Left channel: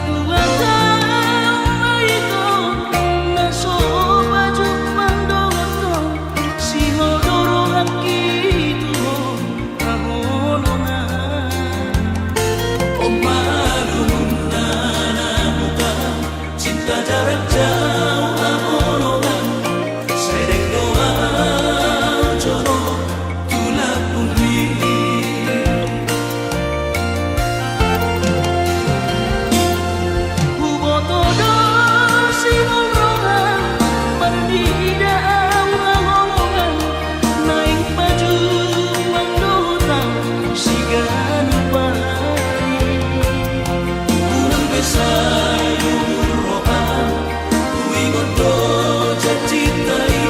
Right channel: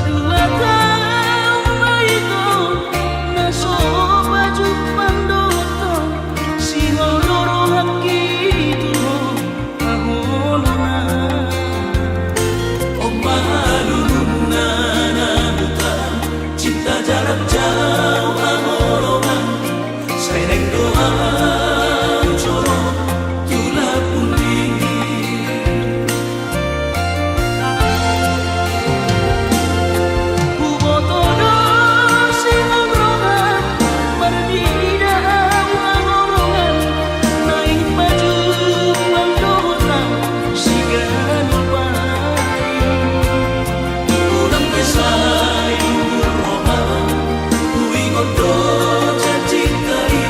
Padua tau maito naso baju pandotong si hodoro hakitu ahonona omaluna nabuta cinta jarak jauh ahonona serek doa coro tulap puli Ubotodo si hongrongan Marnida ahonongan naing baju pandotang si ganupari Kurang besar roha Kuingon to janjitai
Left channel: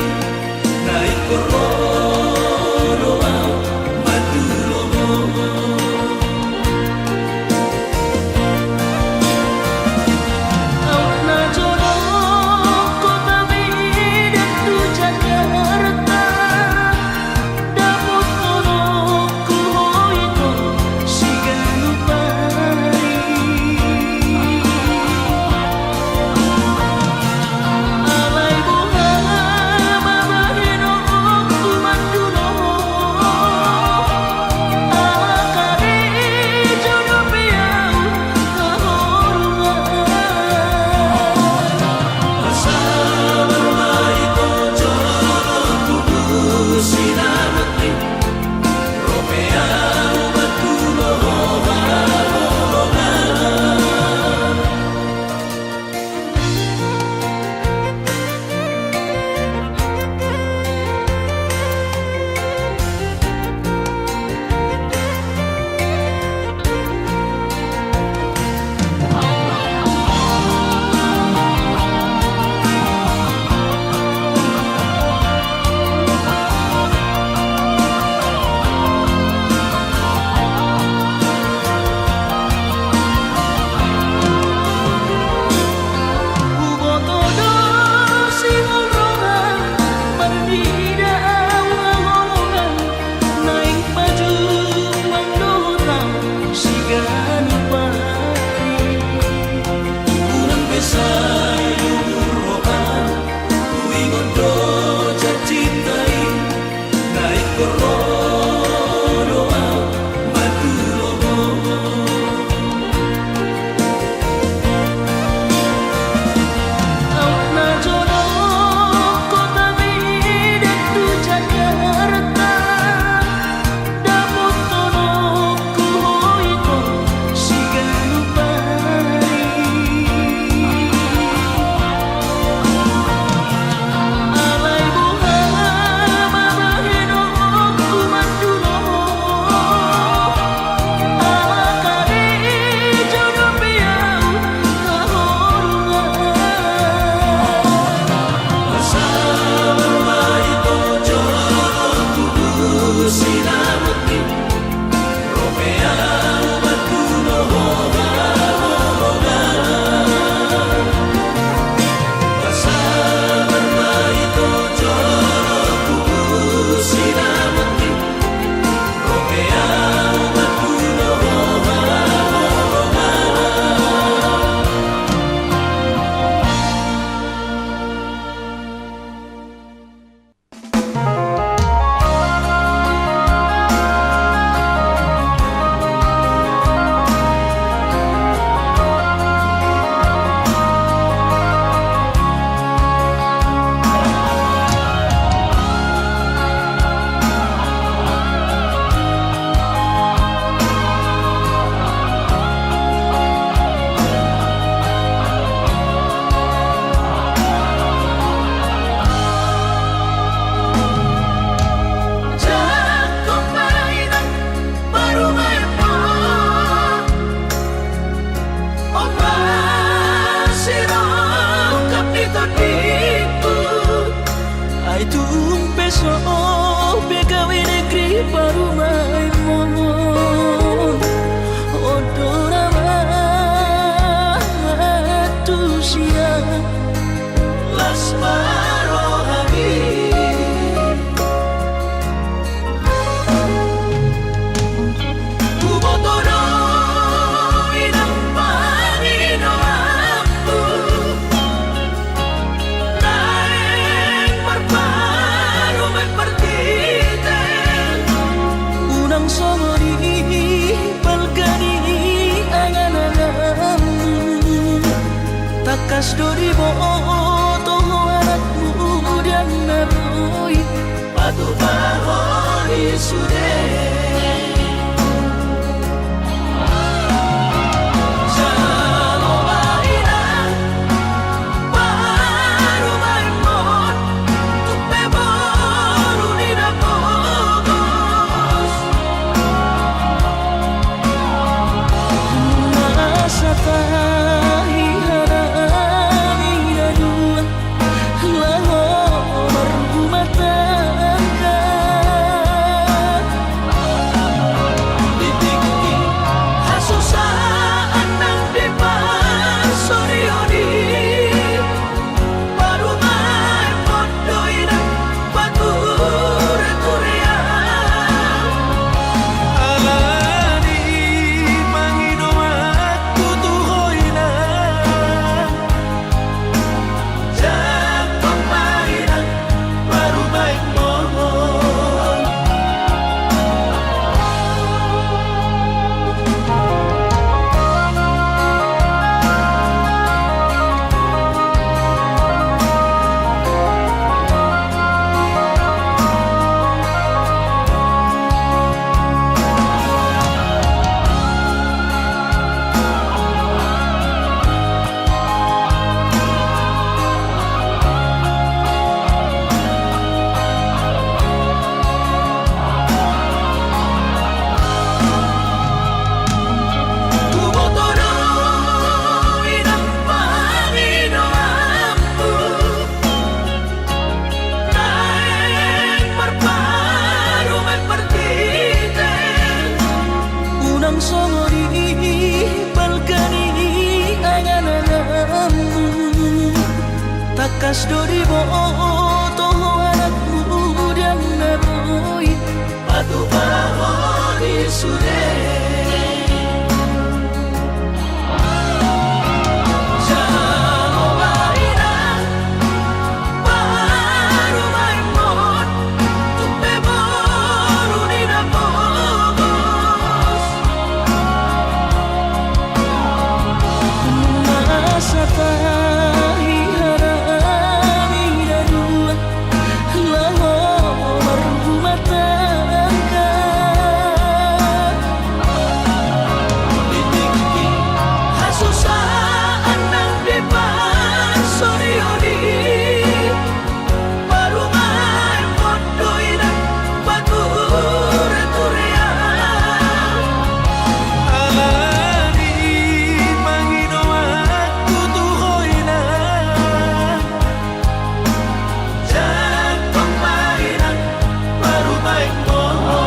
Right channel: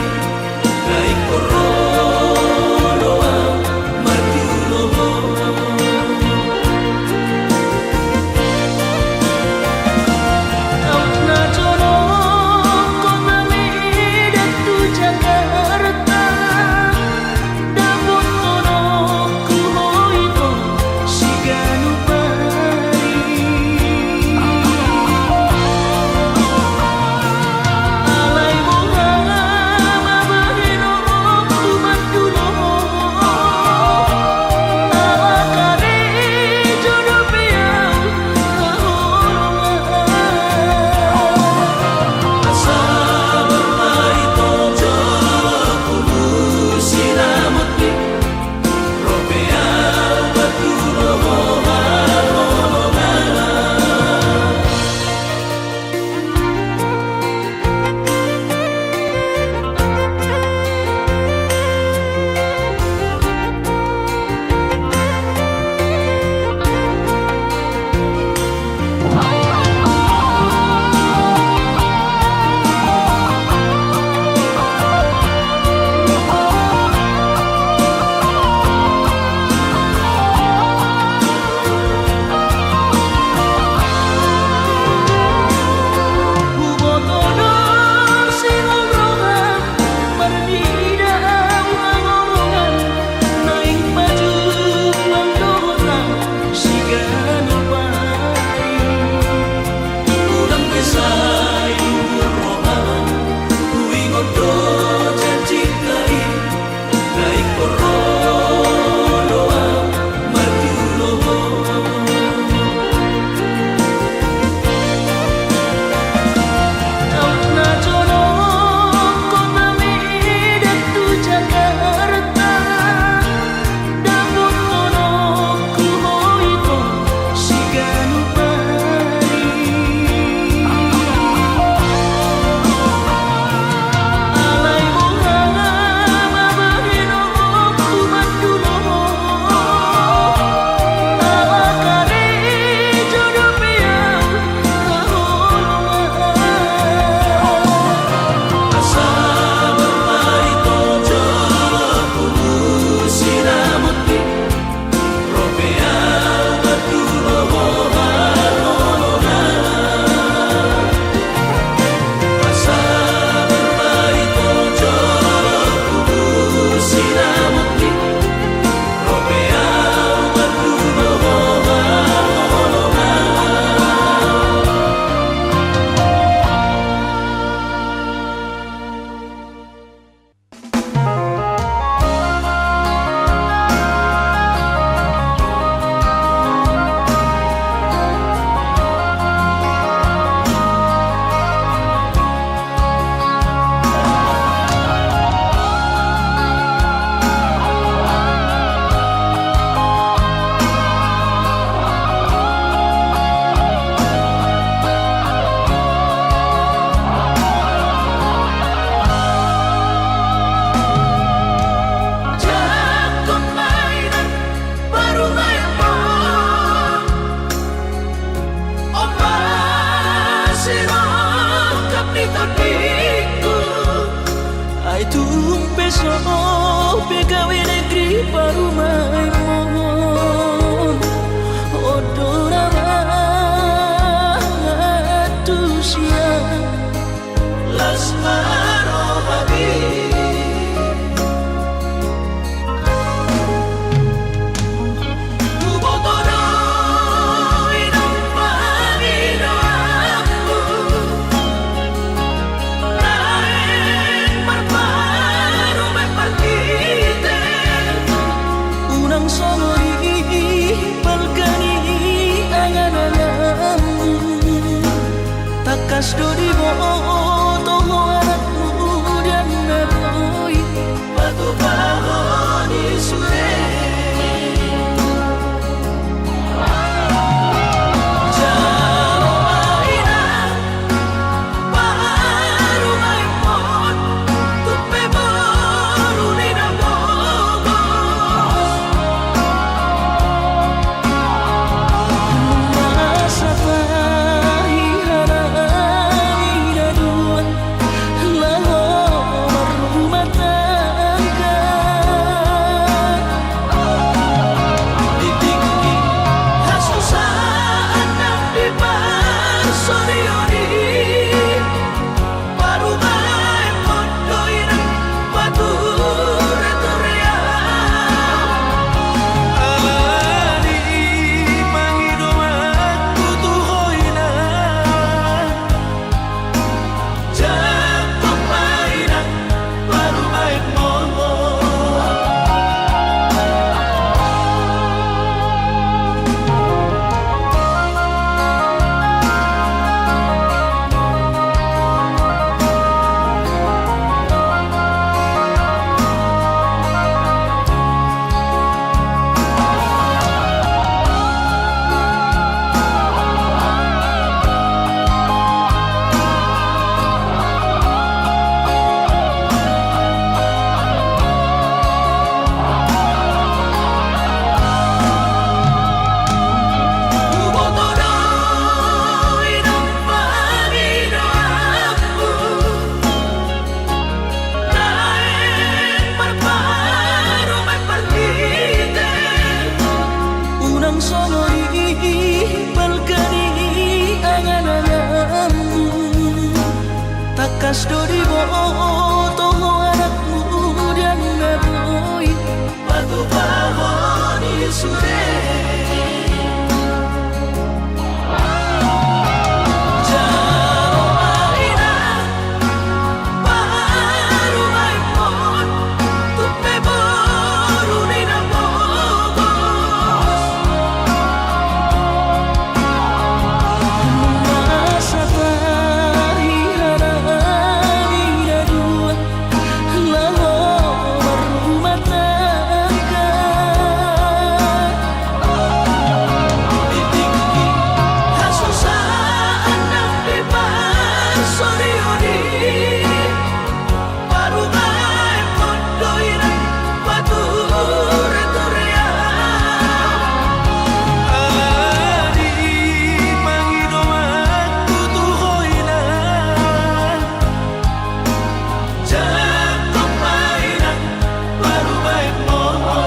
naik korodoa matuloho Out na jorok kota Medan tu Jakarta Dapot tonok ku hoito si ganupari Alay boha babahino ku maduloho Ala kare jodoh piau hahorongan Asa bermain tojo kubu sinamutni Ropea batu boha Ubotodo si hongrongan Marnida ahonongan naing baju pandotang si ganupari Kurang besar roha Kuingon to janjitai naik korodoa matuloho Out na jorok kota Medan tu Jakarta Dapot tonok ku hoito si ganupari Alay boha babahino ku maduloho Ala kare jodoh piau hahorongan Asa bermain tojo kubu sinamutni Ropea batu boha Asa bermain tojo kubu sinamutni Ropea batu boha Jakon mainan baru main Oma sirong kapito dito Ay tumpeso pegawai negeri baru main Odora matusia Las marohabi Ubotodo inang panino takas do di boto anak muda na boy patu bahoni sure jalo maina baru main mon tupe baru ni na bogos masa tahi harami na dua laho berumah tangga ditinggi hasusaan nang depan sorioni baru main mondoin batur turia alani pangido aku tuhoina jatuh mainan baru main moho unang songori balkani angan-anganmu takas do di boto anak muda na boy patu bahoni sure jalo maina baru main mon tupe baru ni na bogos masa tahi harami na dua laho berumah tangga ditinggi hasusaan nang depan sorioni baru main mondoin batur turia alani pangido aku tuhoina jatuh mainan baru main moho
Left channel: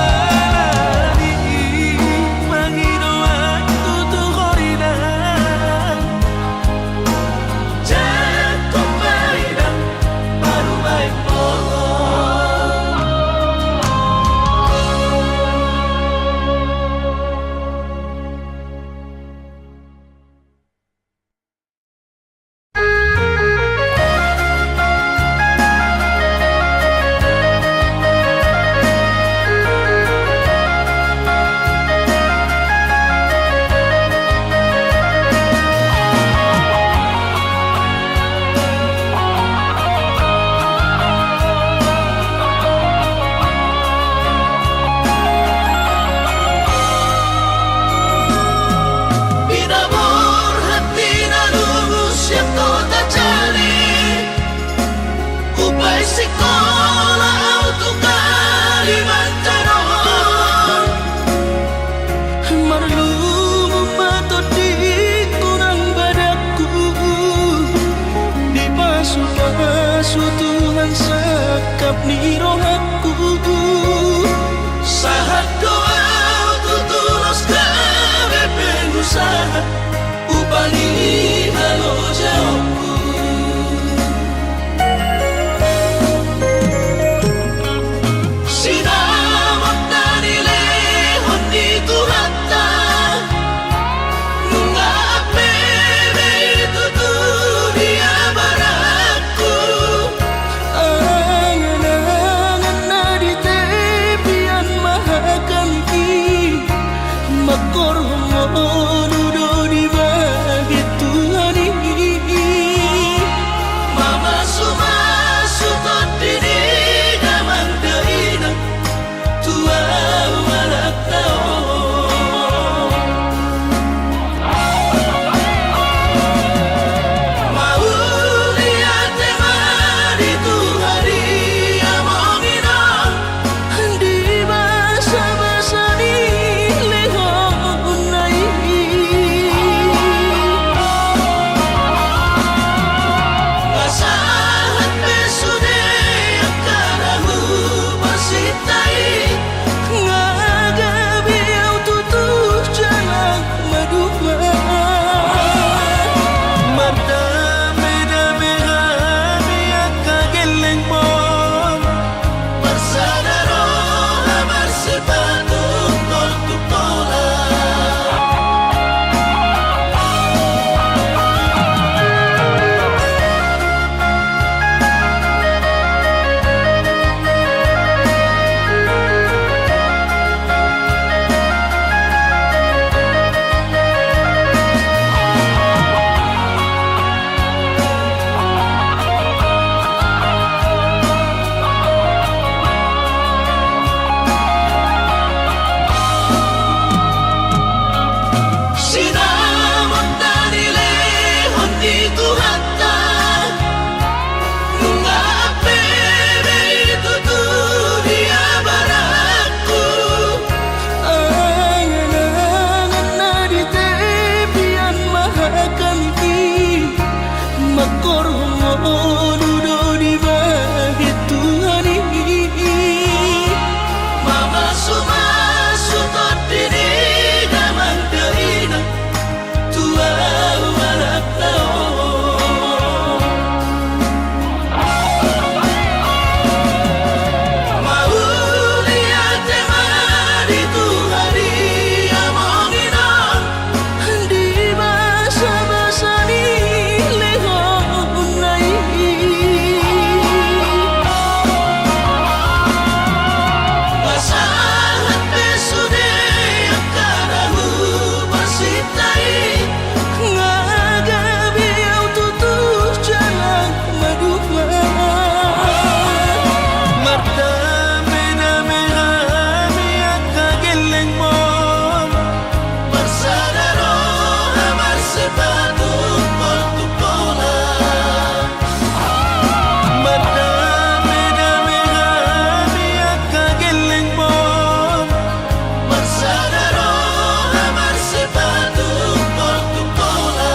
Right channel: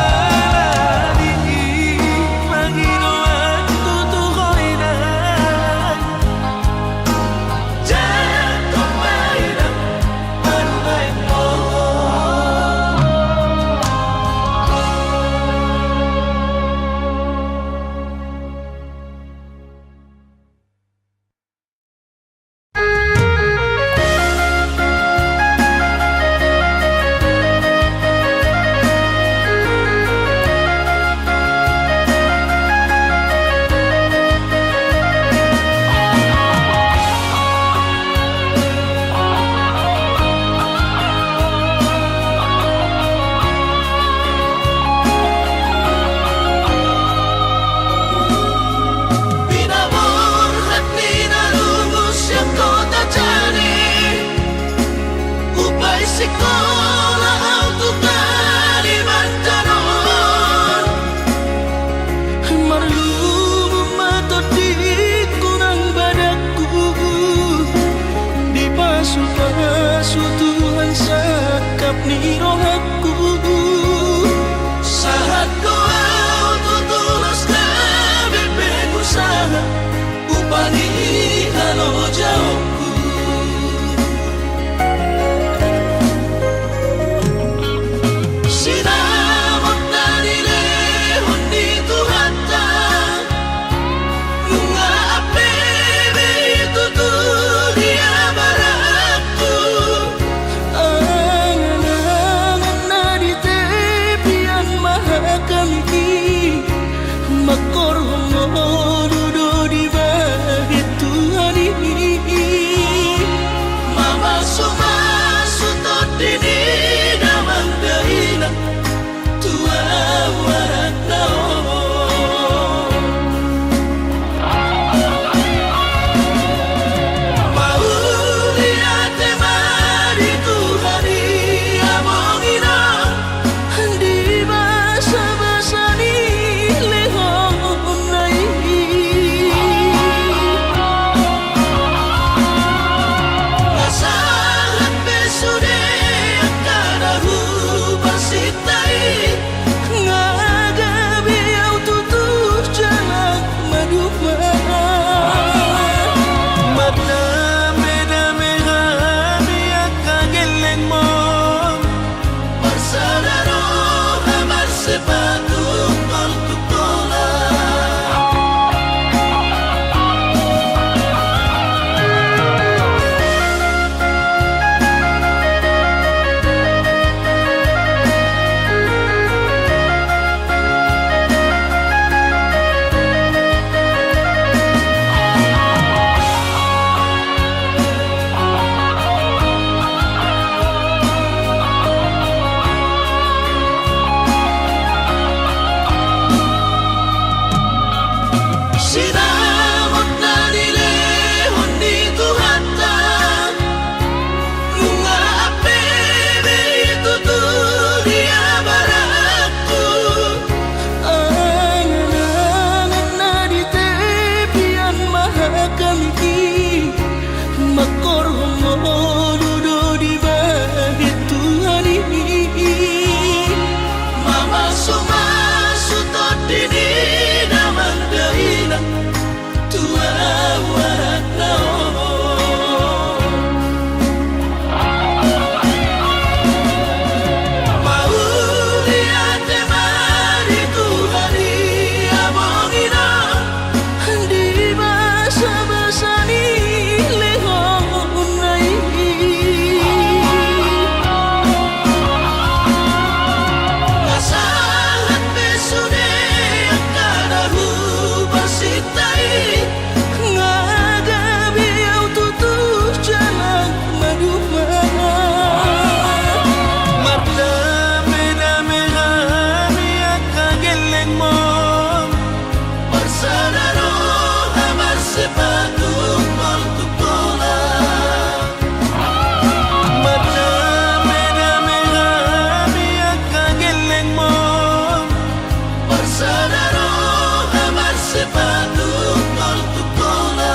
alani pangido aku tuhoina jatuh mainan baru main moho Binabur hati na lulus yang kau tak cari upay sekolah auto kalimantanon marlumu matot di kurang badaku di pasu-pasu Tuhan sakap ni rohaku sahat doa tutulus kami pengusaha upangi halo jawabku sinamot na nilehon ni Tuhata nunga apebe itu dunia baratku angan-angan na di te ludo di bahit Tuhani Mama suma sutot dini damang deina tua warak tao mau lihat temari Tuhani amongina di basa-basa ni lehon nai Lasahan besude akadahu bersitai ngagabi au tutuh jalan maduma mardame dame gami akageleng mon Bersadaro hamar sepatu tol tutola Sinamot na nilehon ni Tuhata Nunga apebe ito dia baraku angan-angan na di tepian mahakami makorhongo ludo di bahit Tuhani Mama suma sutot dini damang deina tua warak tao mau lihat temari Tuhani amongina di basa-basa ni lehon nai Lasahan besude akadahu bersitai ngagabi au tutuh jalan maduma mardame dame gami akageleng mon Bersadaro hamar sepatu tol tutola mardame dame gami akageleng mon Bersadaro hamar sepatu tol tutola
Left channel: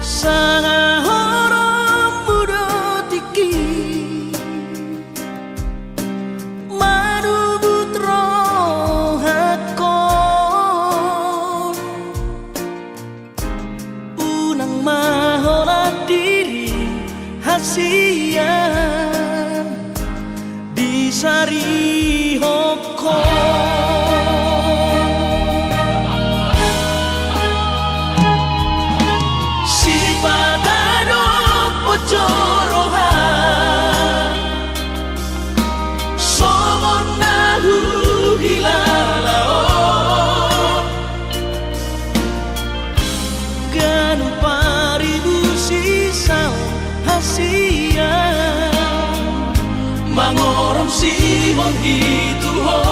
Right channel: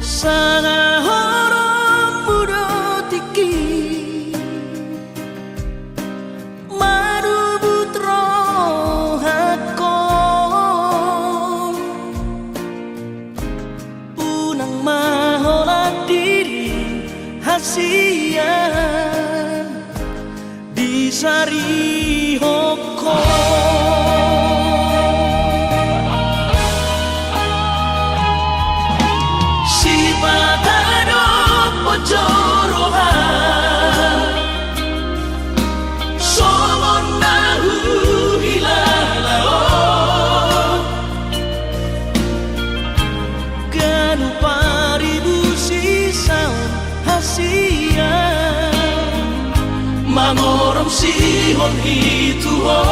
Sana horop mudo tiki Madu butro hakon Unang maholat diri hasian Di sari hokon Si patado pocorohan Somon nahu hilalao Ganu paribu sisau hasian Mangorong sihon hituhon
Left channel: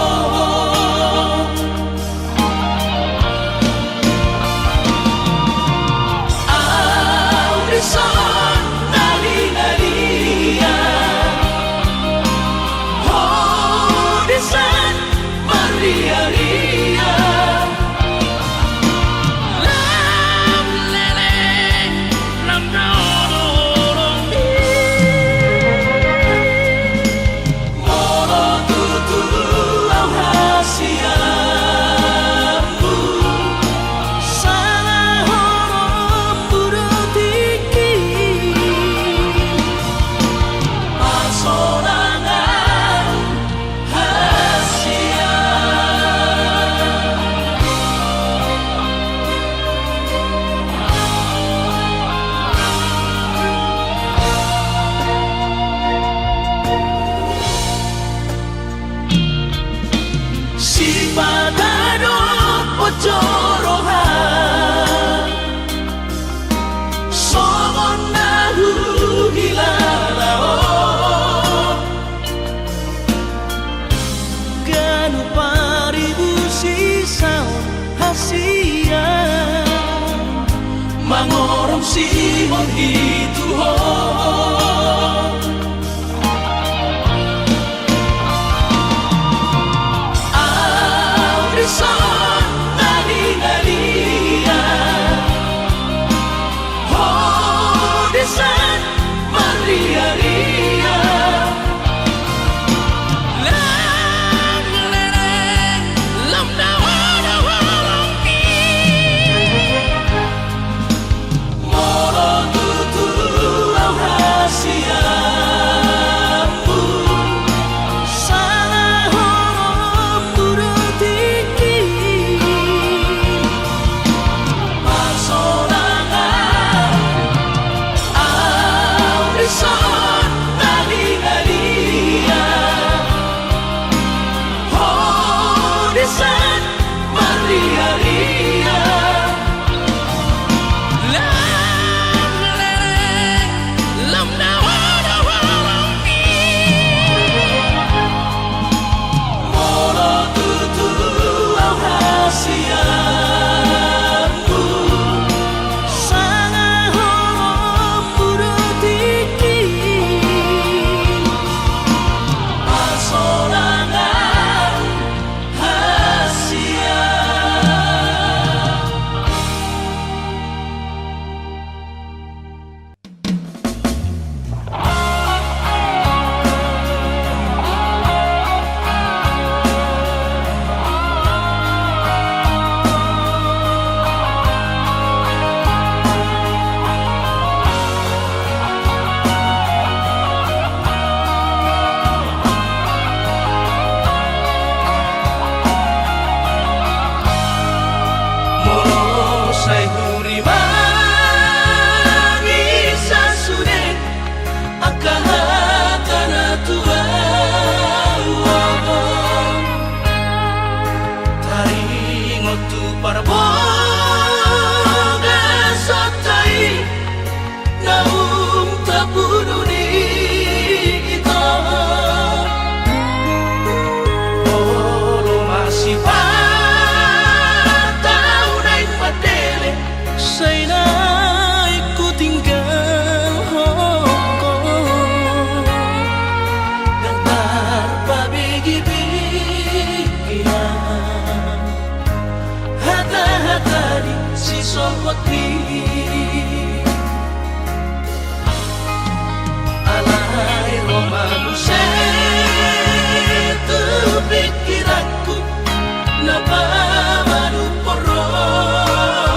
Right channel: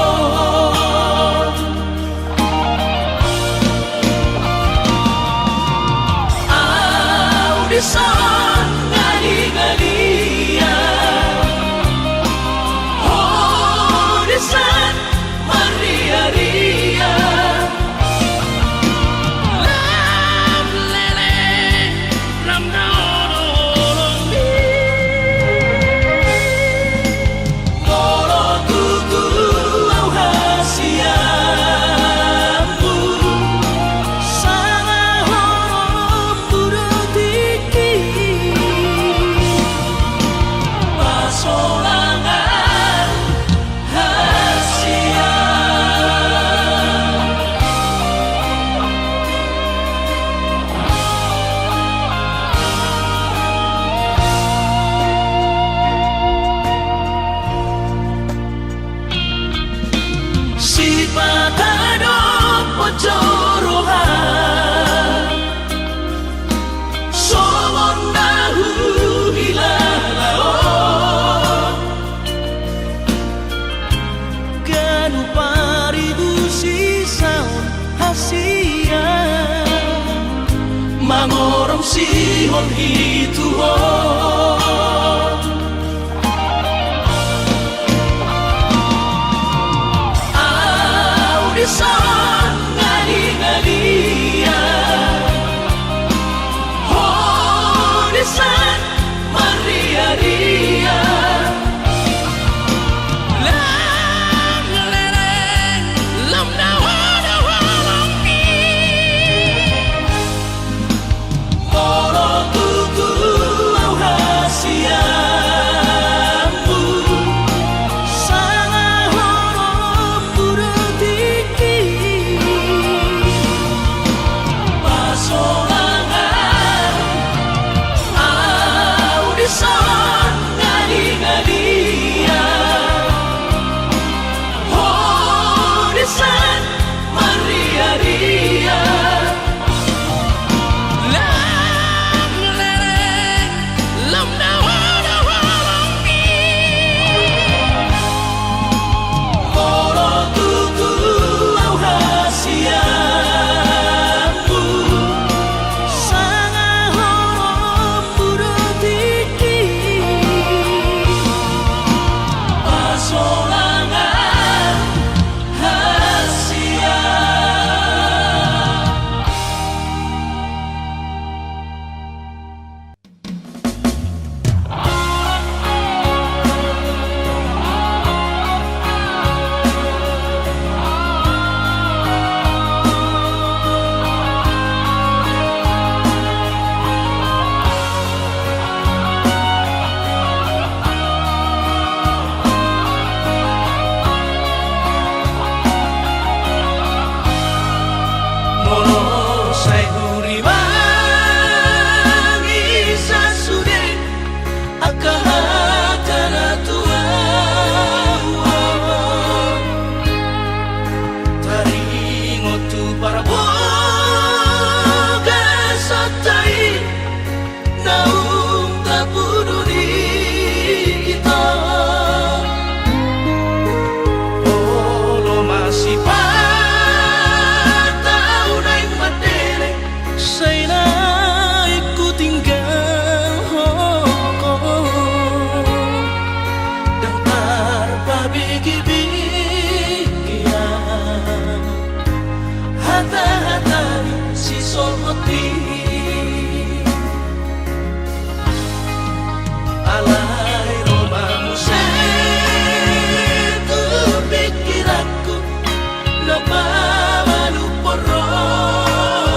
Audesan nali-nalia Audesan maria-ria Lam lele lam daodorong Moro tutu au sihon hituhon Audisan nari-naria Audisan maria-ria Lang lereng lam dawa-dawa pi Moro tutu au hasiamu Sanga horom buratiki Pasolangan Audisan nari-naria Audisan maria-ria Lang lereng lam dawa-dawa pi Moro tutu au hasiamu Sanga horom buratiki Pasolangan hasia Molo sai hurimangi sasude akahatana tua taringo tu para boga satai naung tapuduni kita Olo masih patau naik madele Say na ku tinggal Hongkong dan tanpa bigi-bigian hata-hata di si sokoti alai romamu setu pikiranku napamanu poro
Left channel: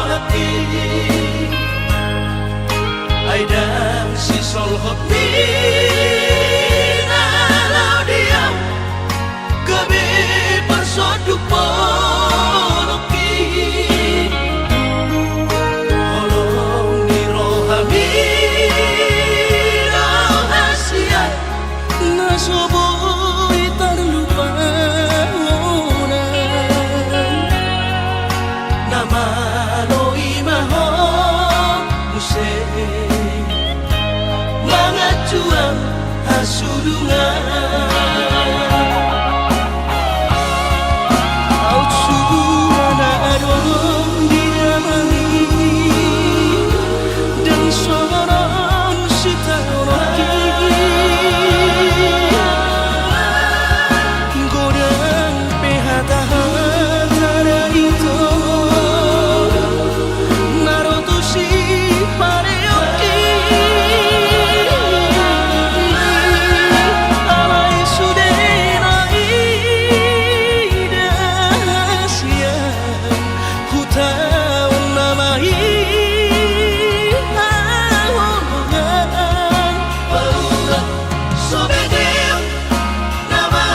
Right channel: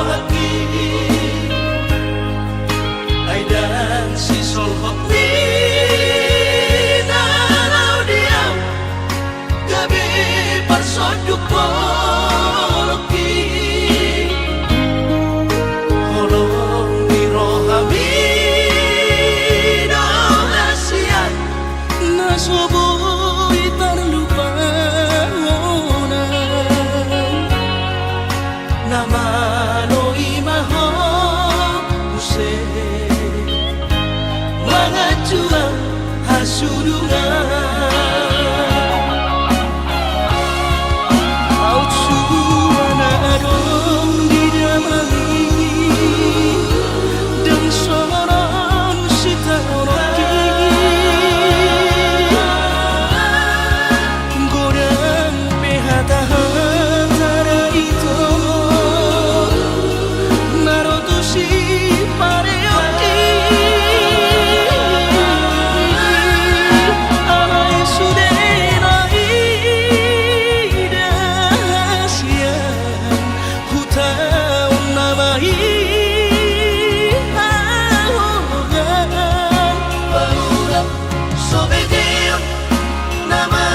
hati Aidan si solhot minalau diam gabi parsoduk poloki Holong di rohami rahasia Nasoboy terlupa nama no imahon muse mangacuan hasudungan Autsuana adom didamani Dan soron sitanoki Godang pehata-hata itu Naruto si pareoki Alai sudena idasian Hutaun namai ahongan Barulah sobedeon nama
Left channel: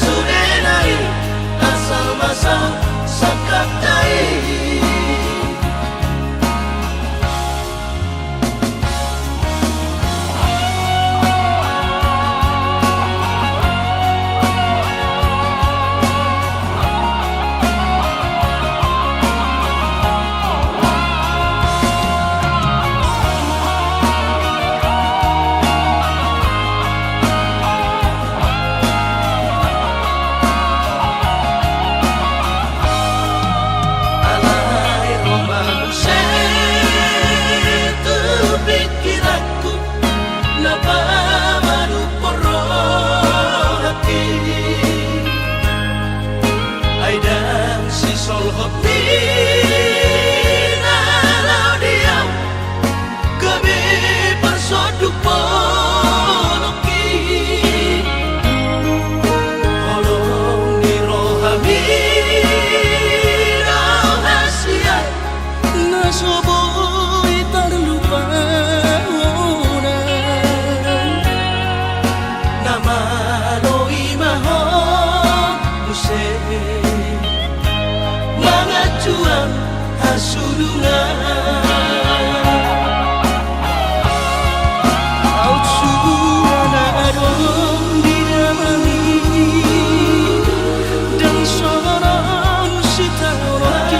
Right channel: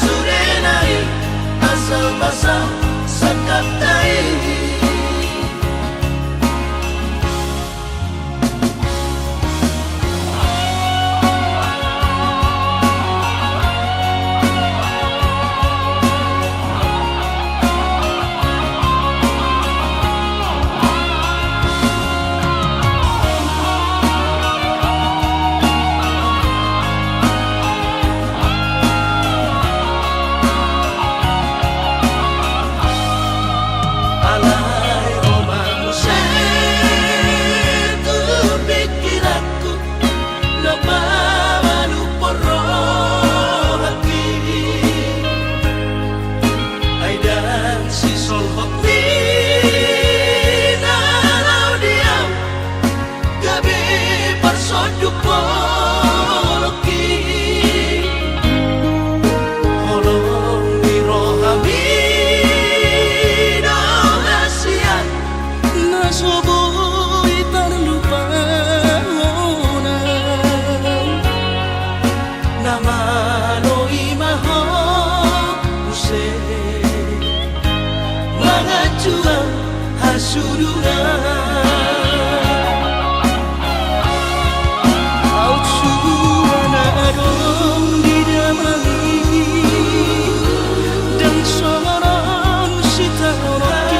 sudenai asal basa sakatai soboy terlupa Namaloi maho Use Mga cuang hasurungan Au suana adong didamani dan soron sita roki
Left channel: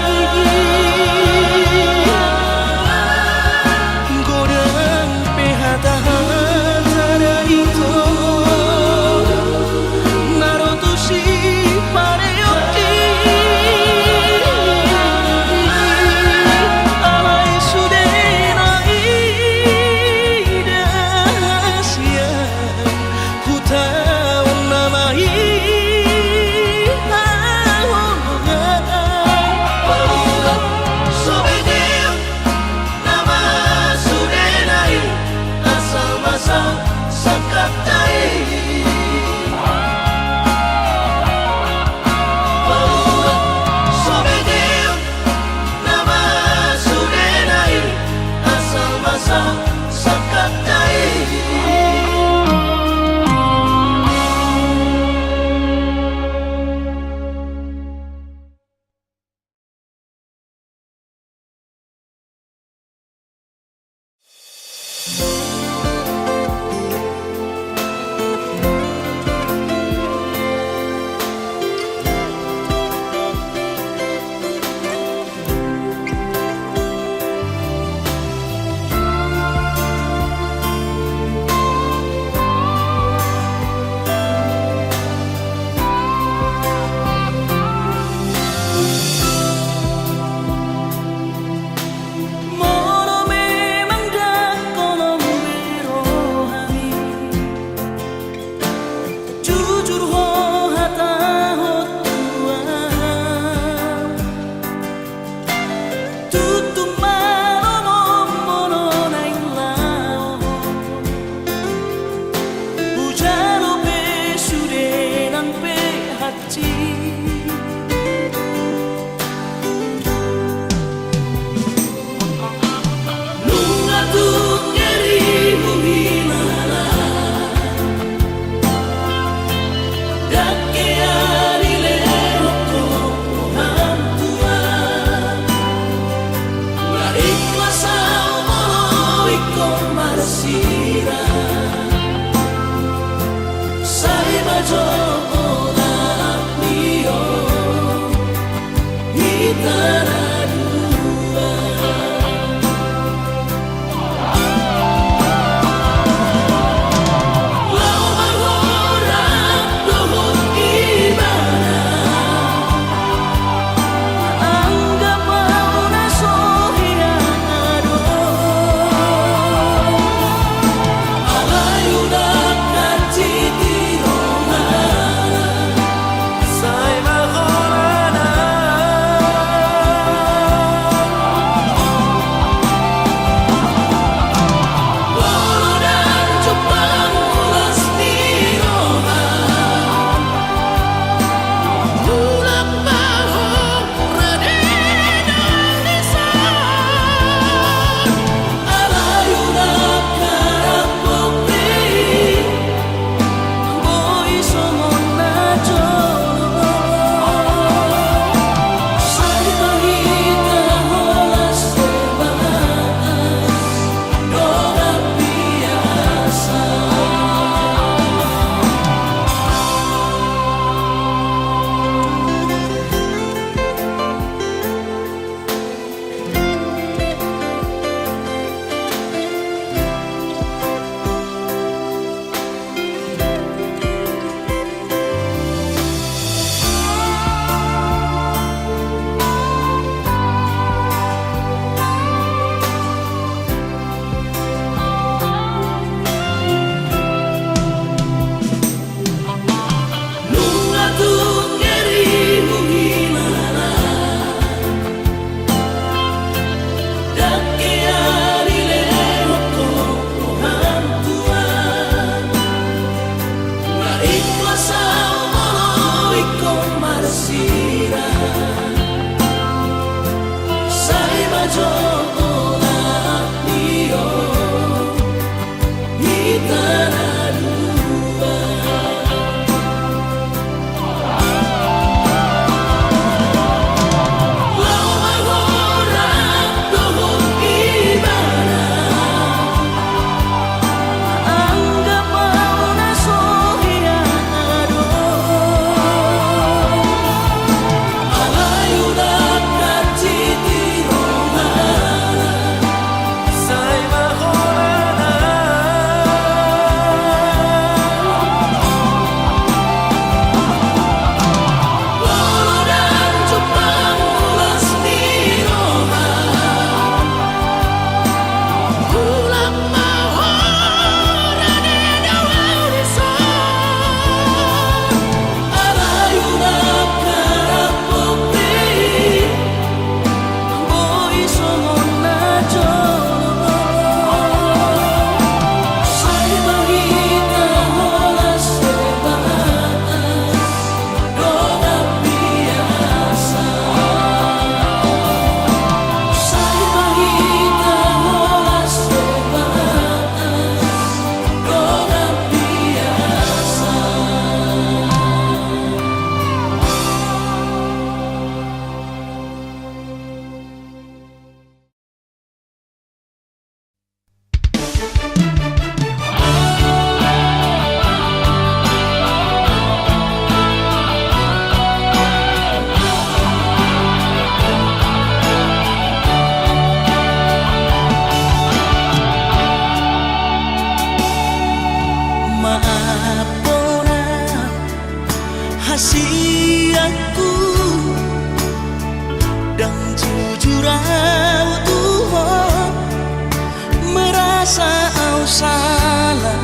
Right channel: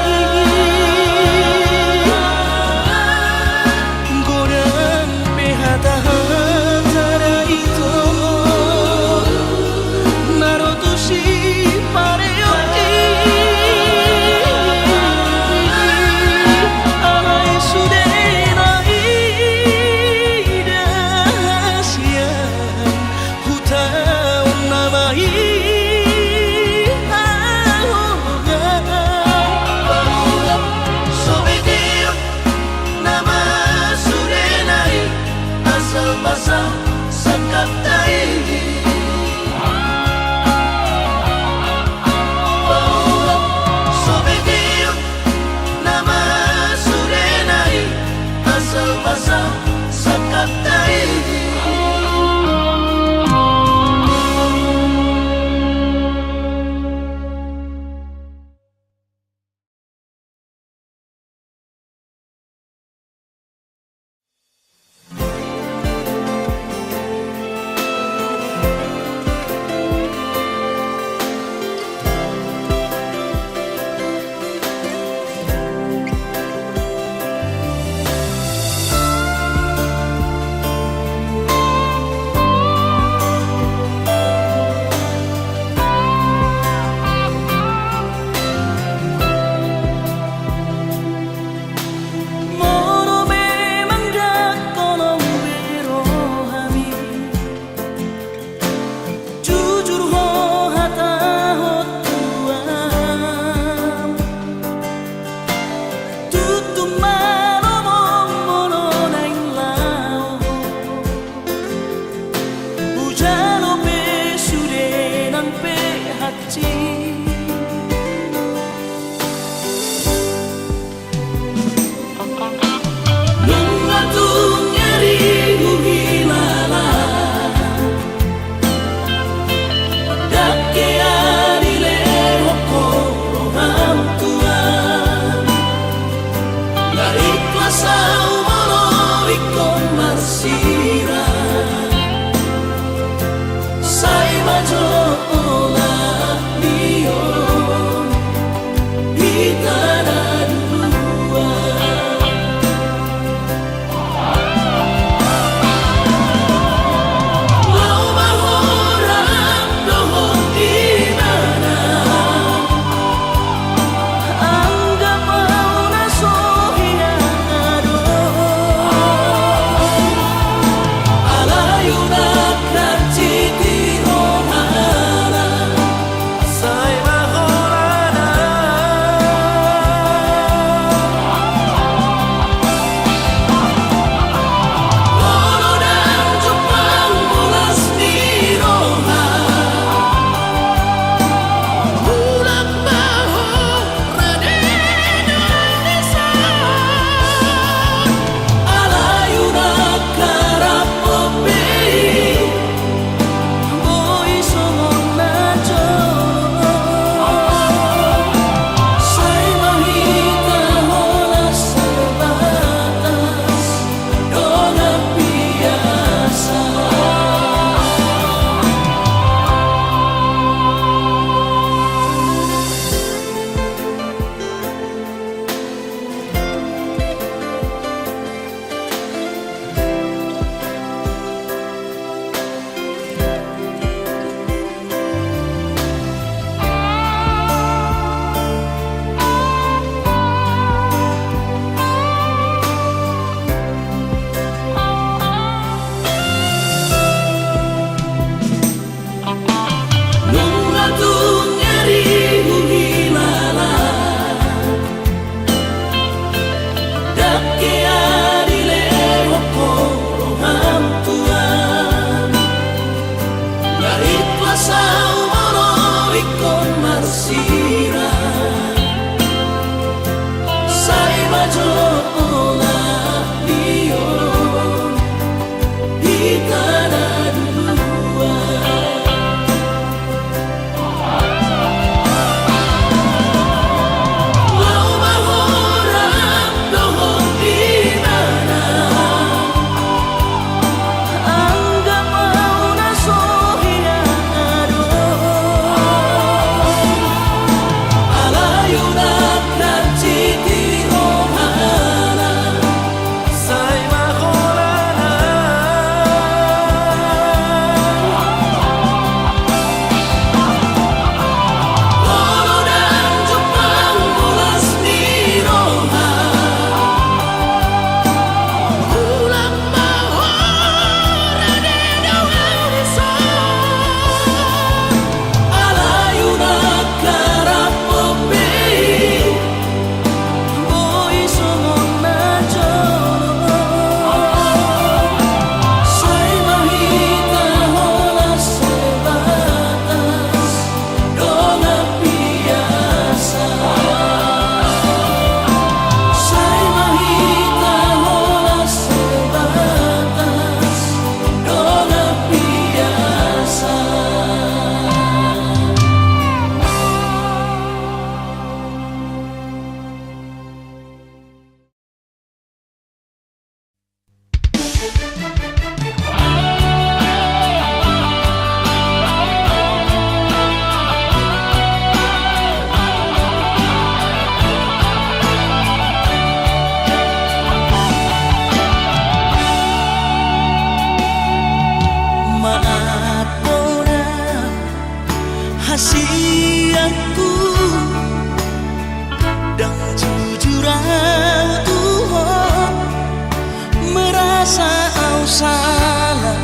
salah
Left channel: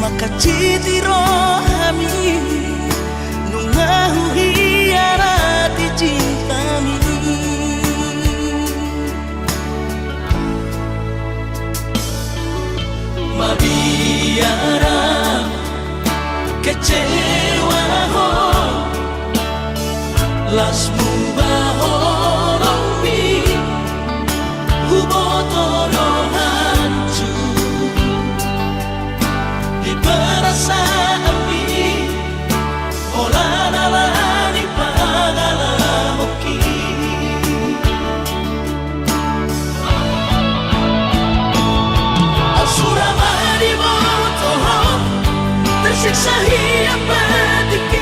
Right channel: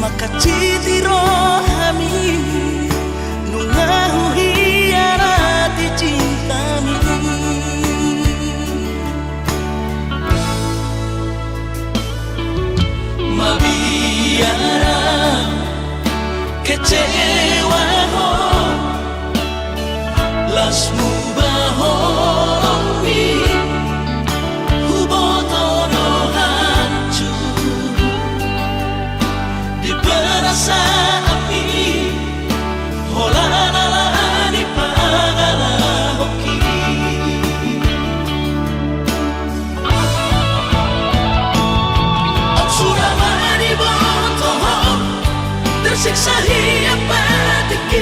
maka citiro hami nungahu hiarati cintami mabiara kecewa ho lasmu bahoromi hubotoro hancur di perasaan ini holanalani pagala hoki asura mariboto tersiksa hiap batiki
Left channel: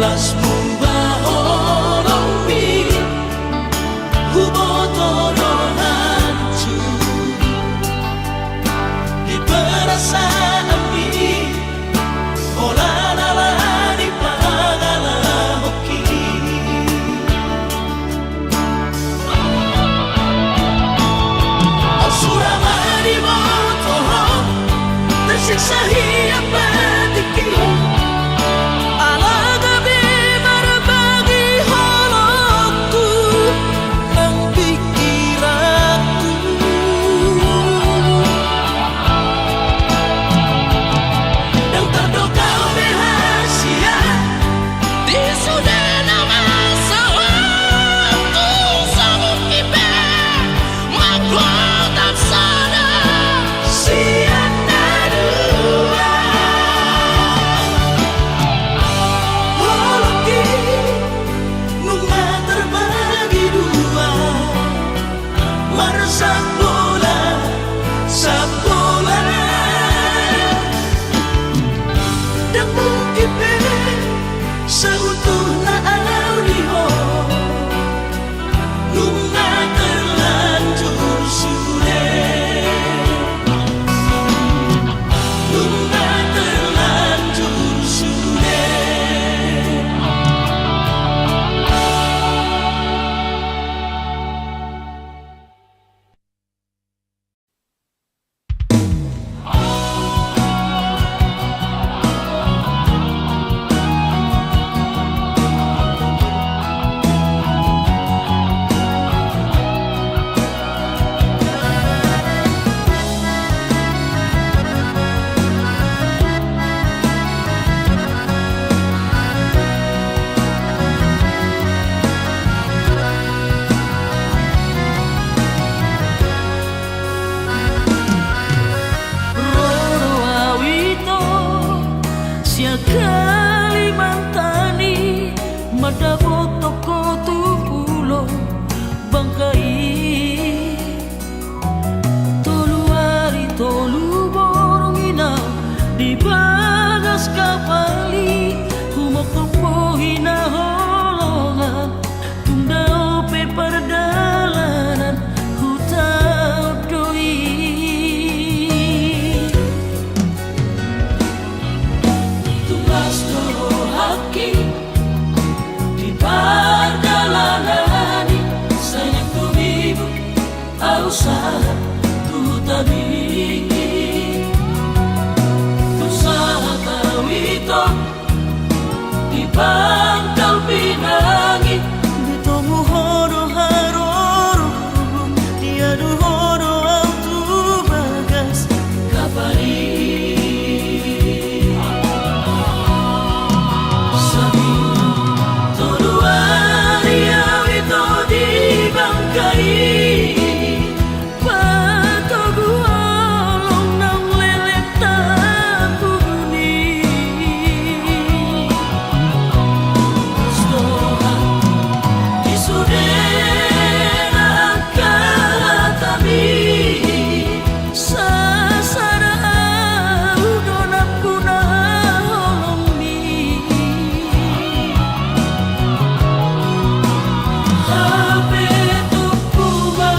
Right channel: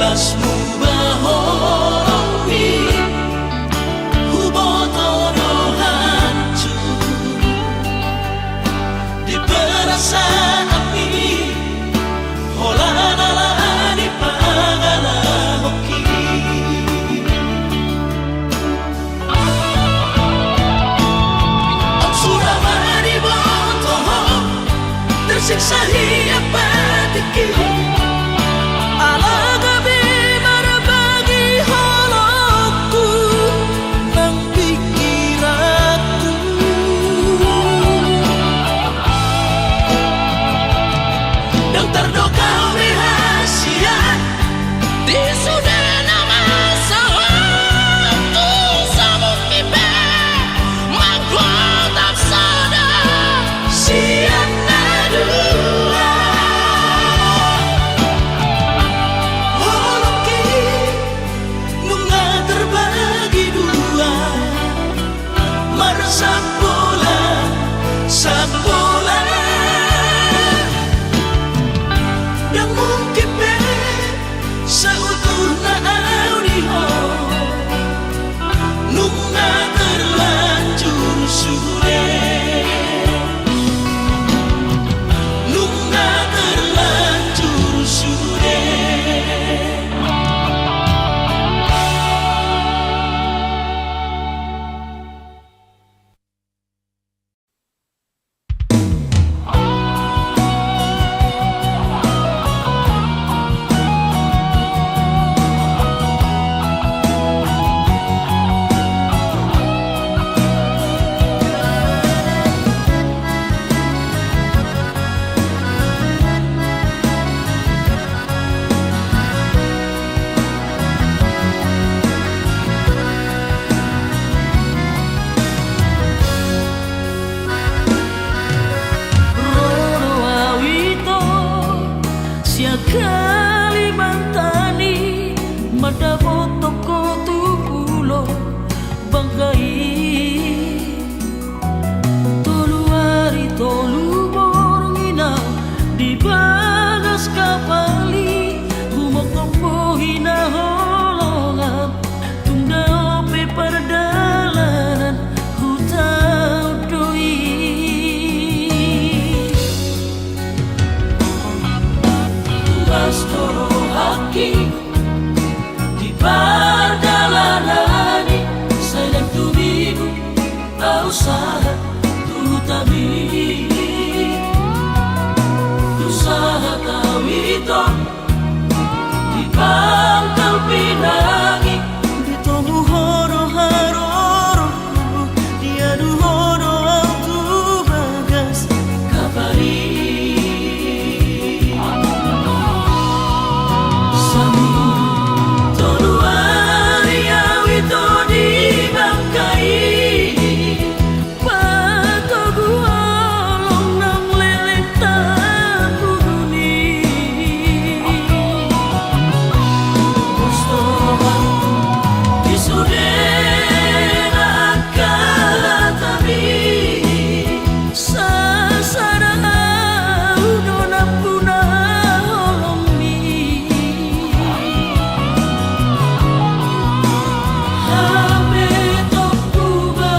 lasmu bahoromi hubotoro hancur di perasaan ini holanalani pagala hoki asura mariboto tersiksa hiap batiki Kalimantani madabo toko tukulo bangkai tolu hari tolu borong inau di bagas kapali humoko hina holongan tunda ope perdalanan hutau doi Astoro haki di perjalanan sayang tumibu usaha tutami usaha kawito di pangkal pinangi Ditomu horo haroroku Diadu horo autu bagas kabari Sami toduari awito di bangkai Patogu olong nang lelek tapuguni Postohan disudera kalatami Sasara udona puna holong mi Hape tukuba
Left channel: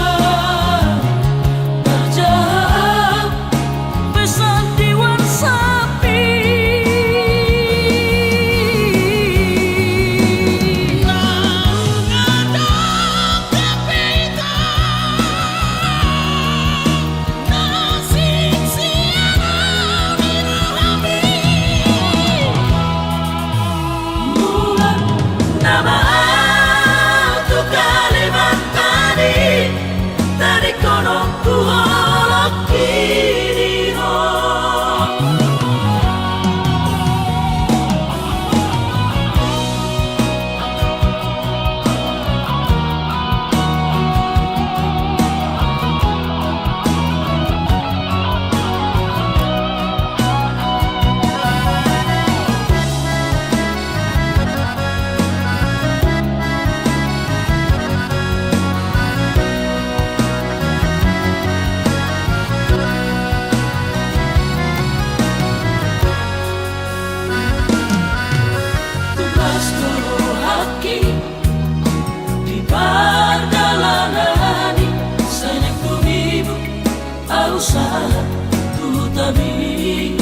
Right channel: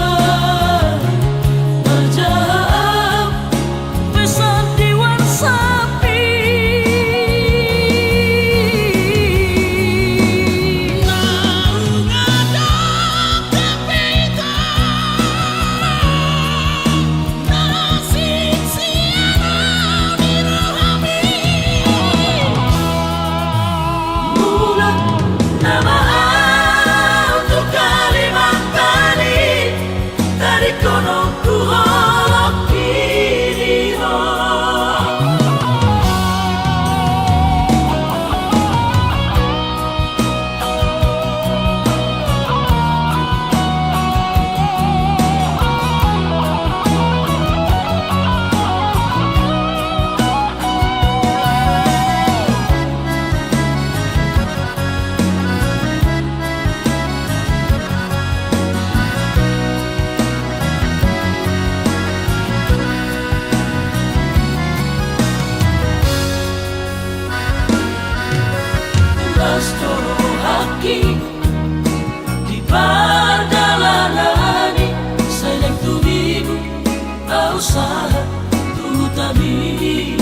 Najab Pesan diwan sapi Ngadok kapita Nasik siana birohami Mula nama tu Kalimantan Dari konongku holok kiri ho Bastoro haki di perjalanani saya tumibu usaha tutami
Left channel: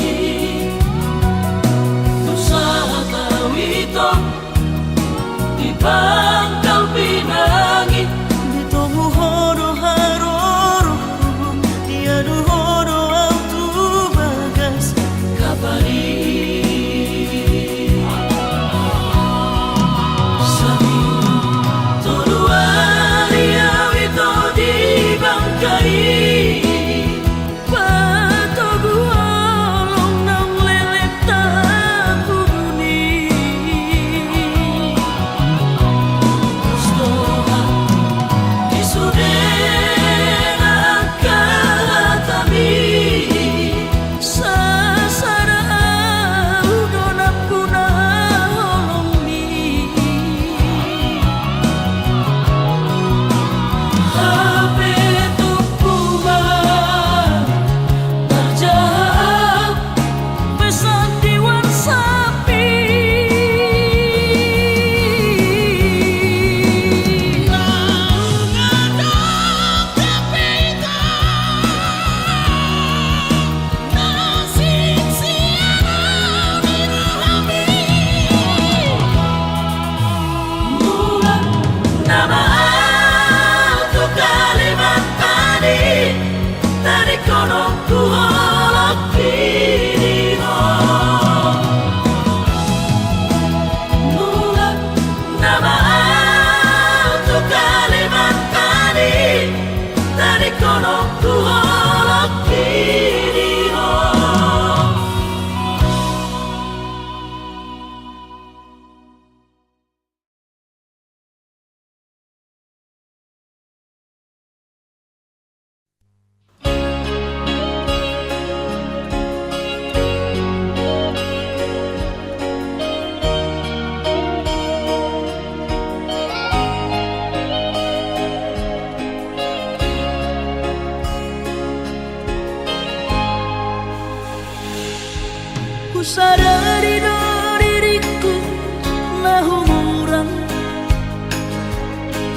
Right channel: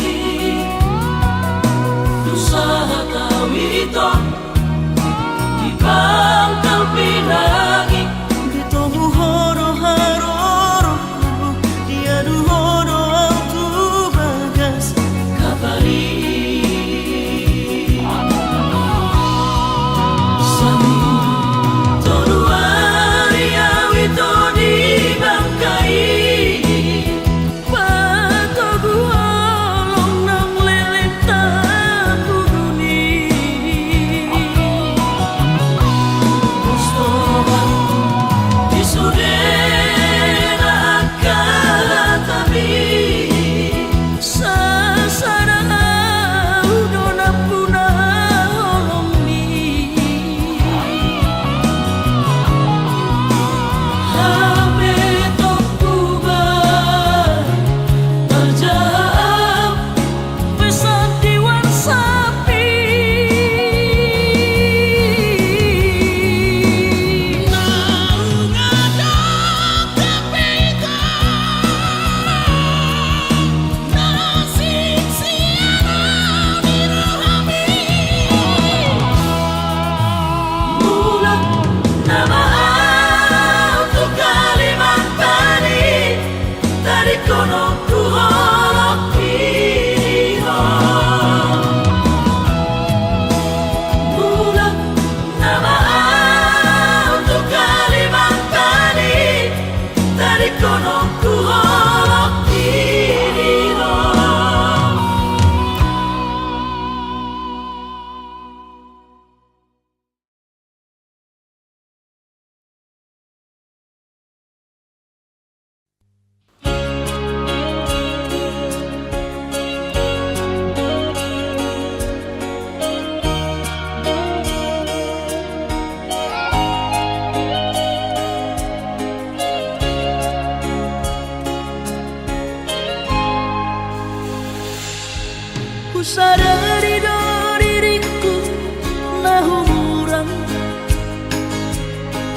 usaha tawito di pangkal pinangi Ditomu horo haroroku Diadu horo autu bagas kabari Sami toduari awito di bangkai Patogu olong nang lelek tapuguni Postohan disudera kalatami Sasara udona puna holong mi Hape tukuba Najab Pesan diwan sapi Ngadok kapita Nasik siana birohami Mula nama tu Kalimantan Dari konongku holok kiri ho Mula nama tu Kalimantan Dari konongku holok kiri ho Ku sadari do diriku na humuran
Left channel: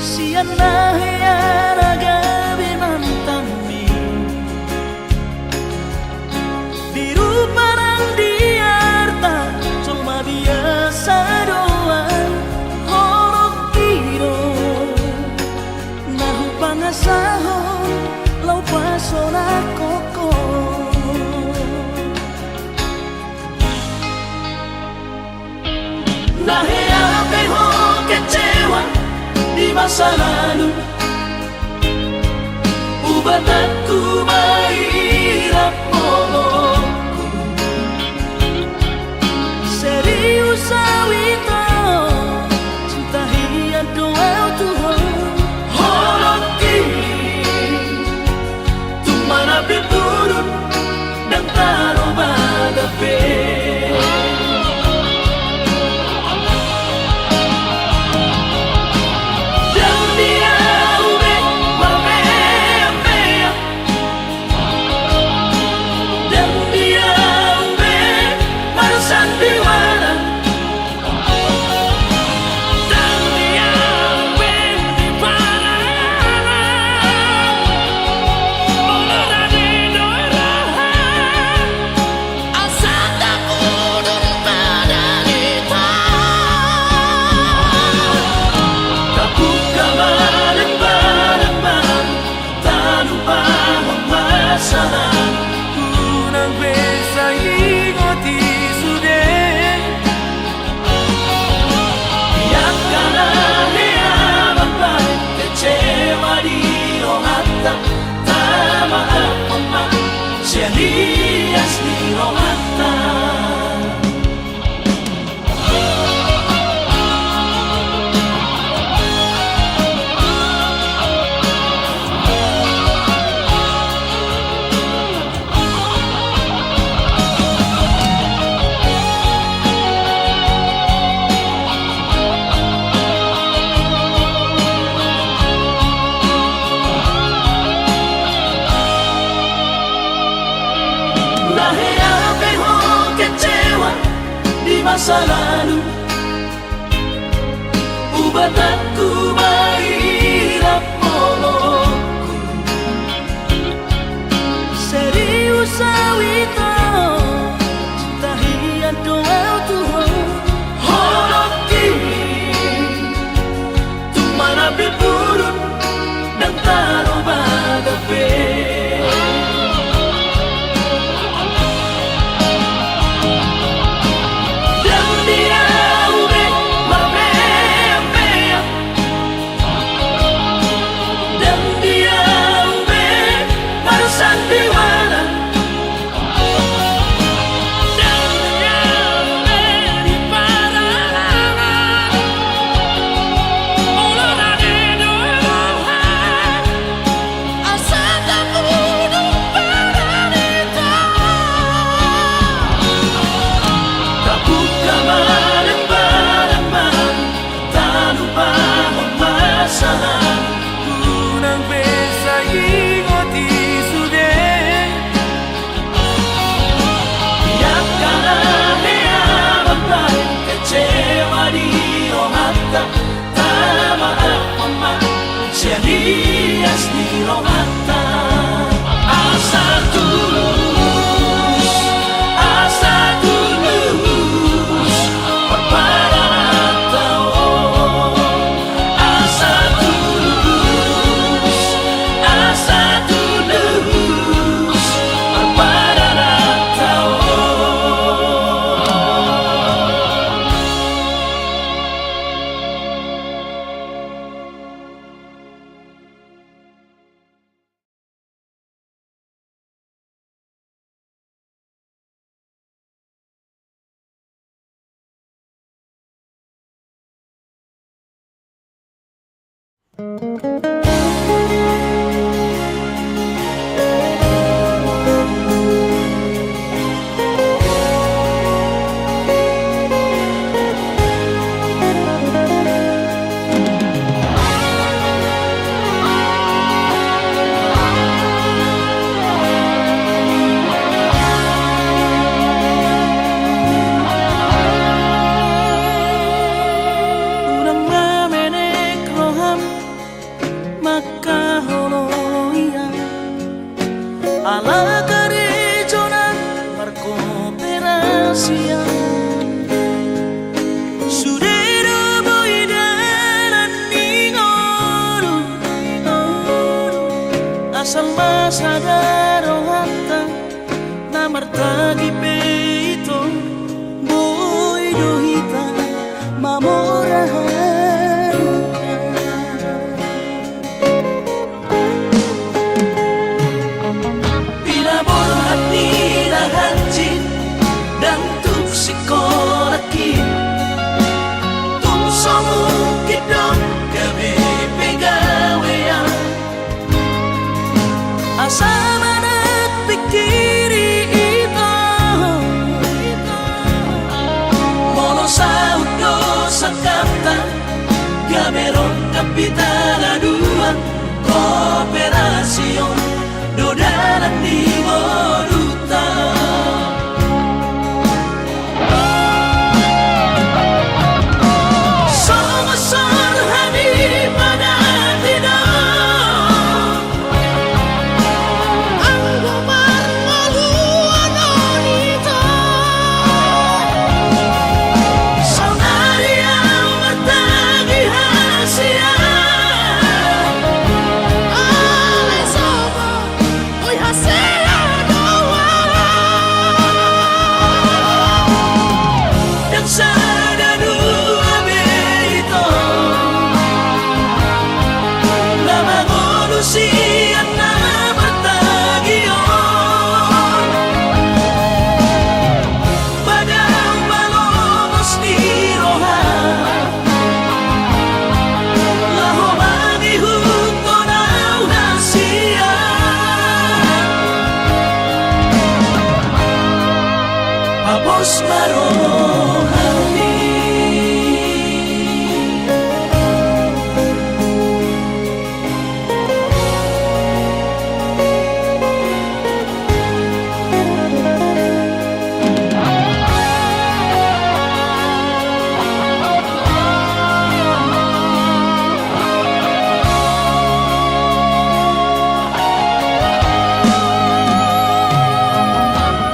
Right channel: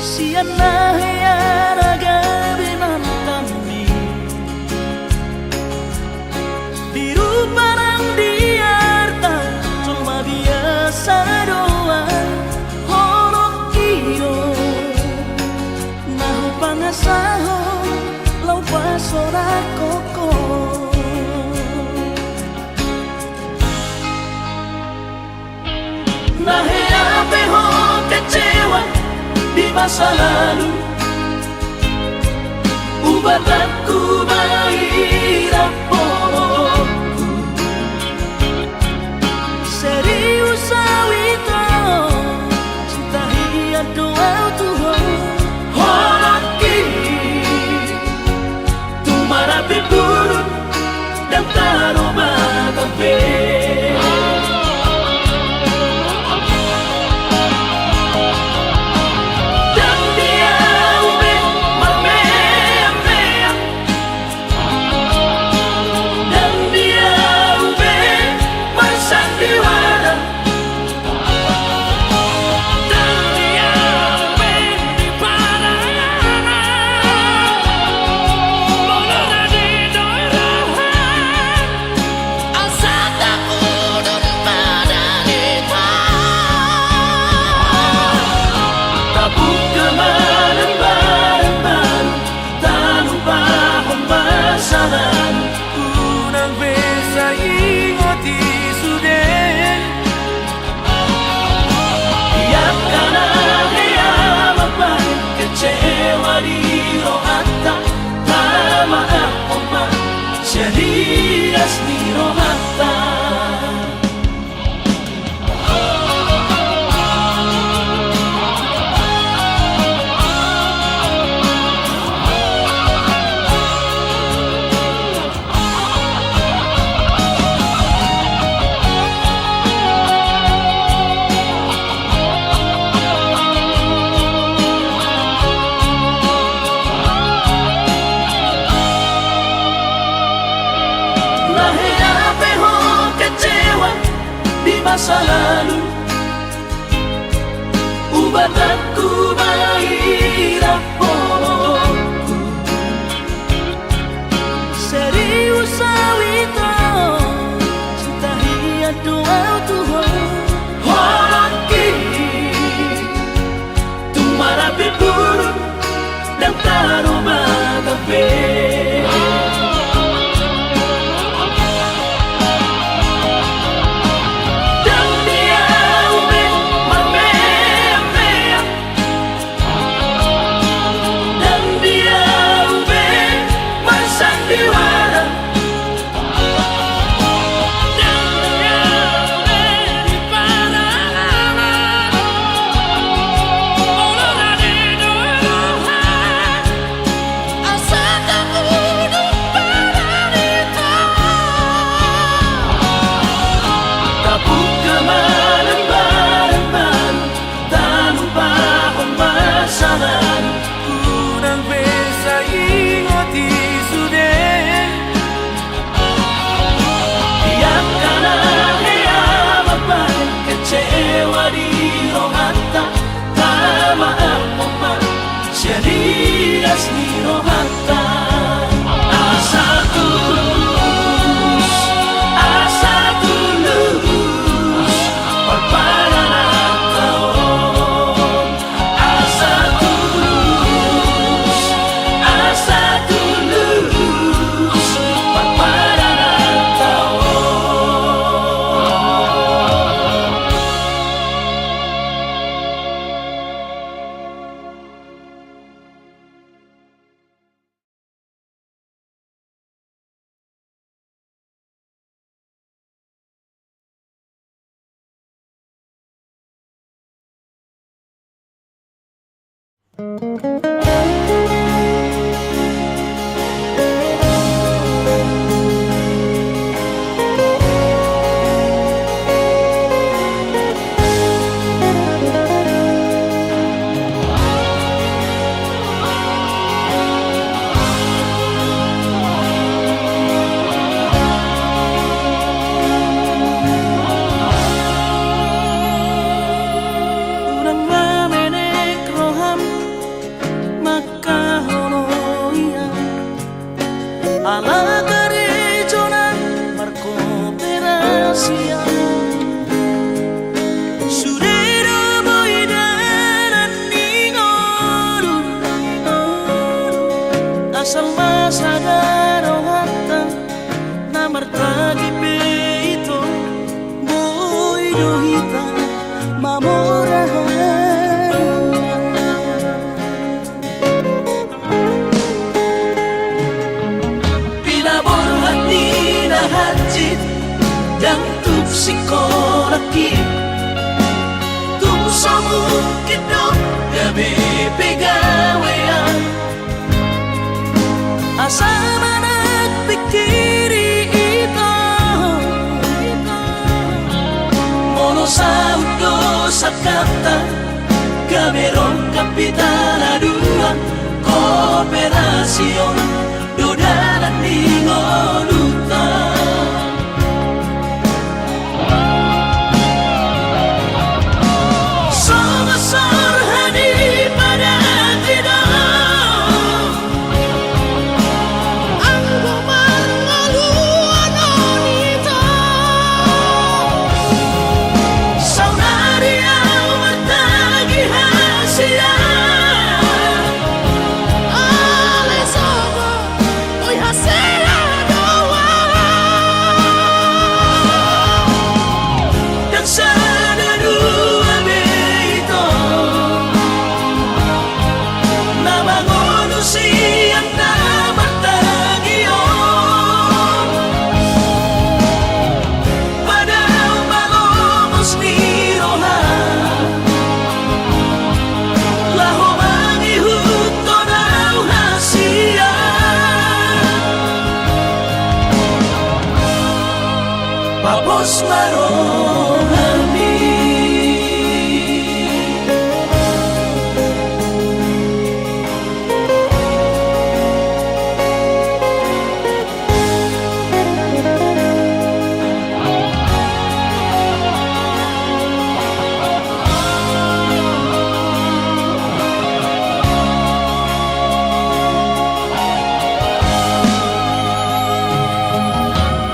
Sian na heyara gabi nantami Biru parang diarta cuma biasa doang horok kiro Nahu pangasahon lau pasora koko Nahea peho masa lalu. Ubataku mahirap pomoku Serius awito cinta hian doa Tuhan Holoki Tumarapi buruk dan taroba gabe Dan dia ube marmea-mea Dan dia ube marsandiwara Dan dia ube di parayanan Monora di doirahan Asal tak kudun pada nita Tak buka bareng-bareng Tak lupa pemasangan Unang besa ingoti sudah Biarkan dia berbalik kecewa di rohata Tak maaf omak serius di rohata Lahir peho kecewa di masa lalu Ubataku mahirap pomoku Serius awito cinta hian doa Tuhan Holoki Tumarapi buruk dan taroba gabe Dan dia ube marmea-mea Dan dia ube marsandiwara Dan dia ube di parayanan Monora di doirahan Asal tak kudun pada nita Tak buka bareng-bareng Tak lupa pemasangan Unang besa ingoti sudah Biarkan dia berbalik kecewa di rohata Tak maaf omak serius di rohata Asa tulus Berpadan atau Asa tulus Berpadan atau Unang mamenek roham maka holoian ala garejonan markooperasian Sudero boidaran ningoru asal masadaro hatta namartagi peito boido hita mamorahan dan tuk psikolagi tuk somong kidok gabi pegawean asa manak pikiri ito mono saudo sakata gaberong kapitana dua kooperasion dodanan di moduta Somasor hani pada tidak ang gobarngaluan onito Saunaria matagi hasia ale sobo oy hasela doa dan sana dua beito nama manusia na bertagion pada umalomos ni roha laho mangihut ko na hasia Papos marong hati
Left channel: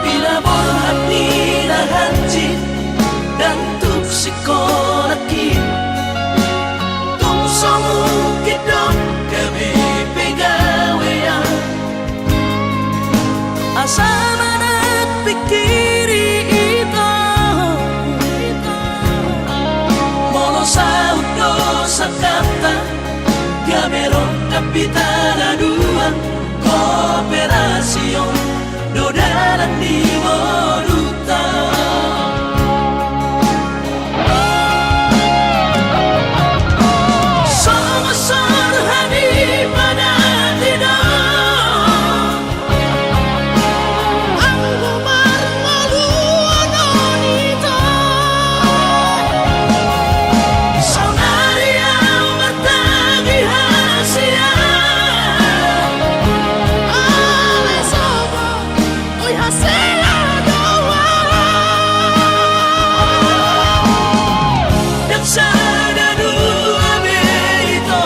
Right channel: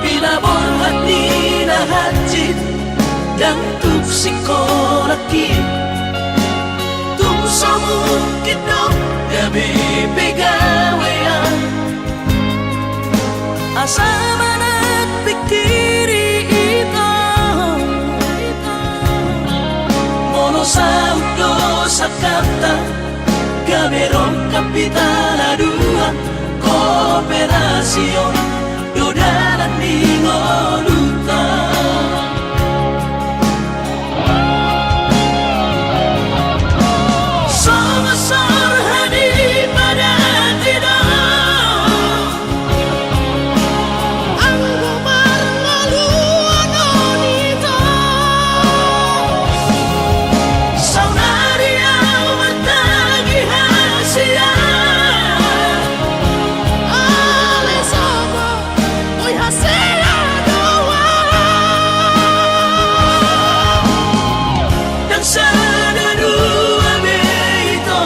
Pinaborhat nila hajit dan tuk psikolagi tuk somong kidok gabi pegawean asa manak pikiri ito mono saudo sakata gaberong kapitana dua kooperasion dodanan di moduta Somasor hani pada tidak ang gobarngaluan onito Saunaria matagi hasia ale sobo oy hasela doa dan sana dua beito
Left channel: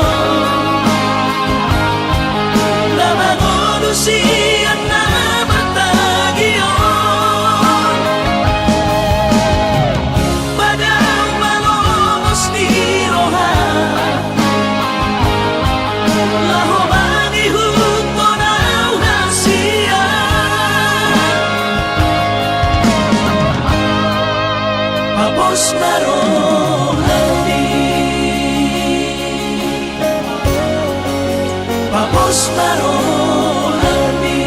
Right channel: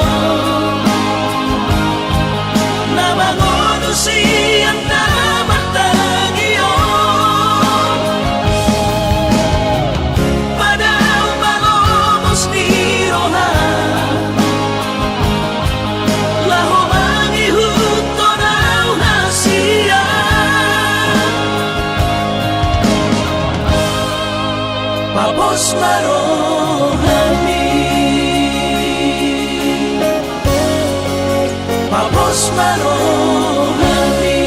nama manusia na bertagion pada umalomos ni roha laho mangihut ko na hasia Papos marong hati Papos marong hati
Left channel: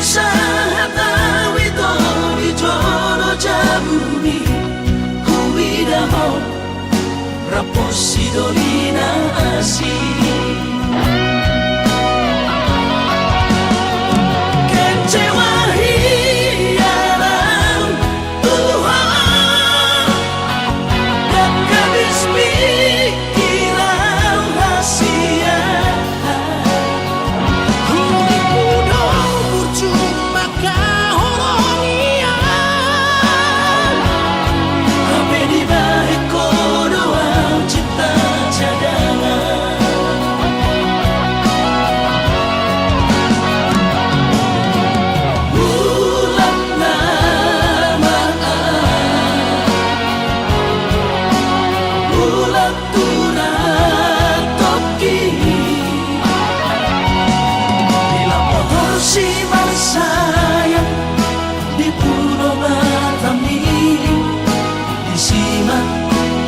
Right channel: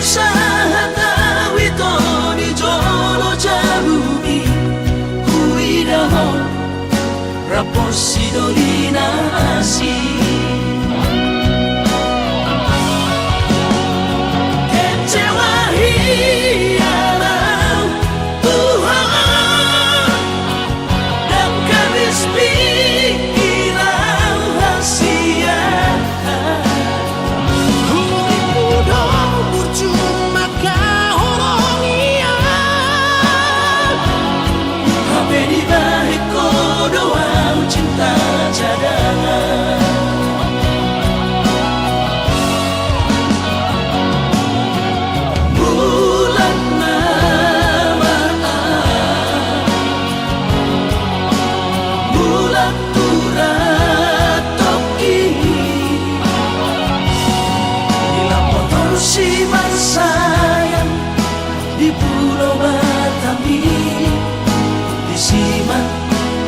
usaha tawi to di jono jabuni kuida ho raposi dolina asi kecewa hialah Tuhan dan kabis pikiran rahasia Kulit muda percuma kahoronian Hape di balik kodoan cinta cadangan Bulan namaan Bulan turat toki Dilapor kursi sayang di Pulau Batami disiman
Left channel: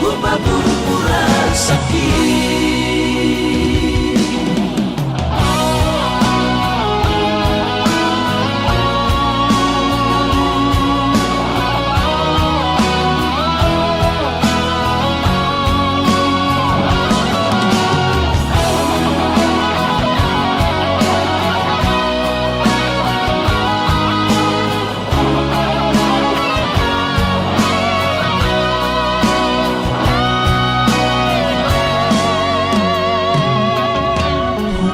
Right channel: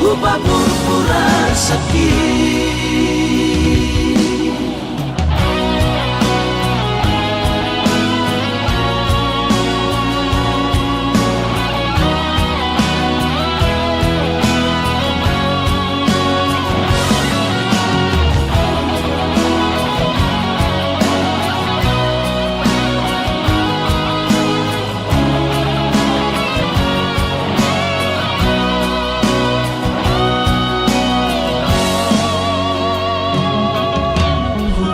upah pura sakit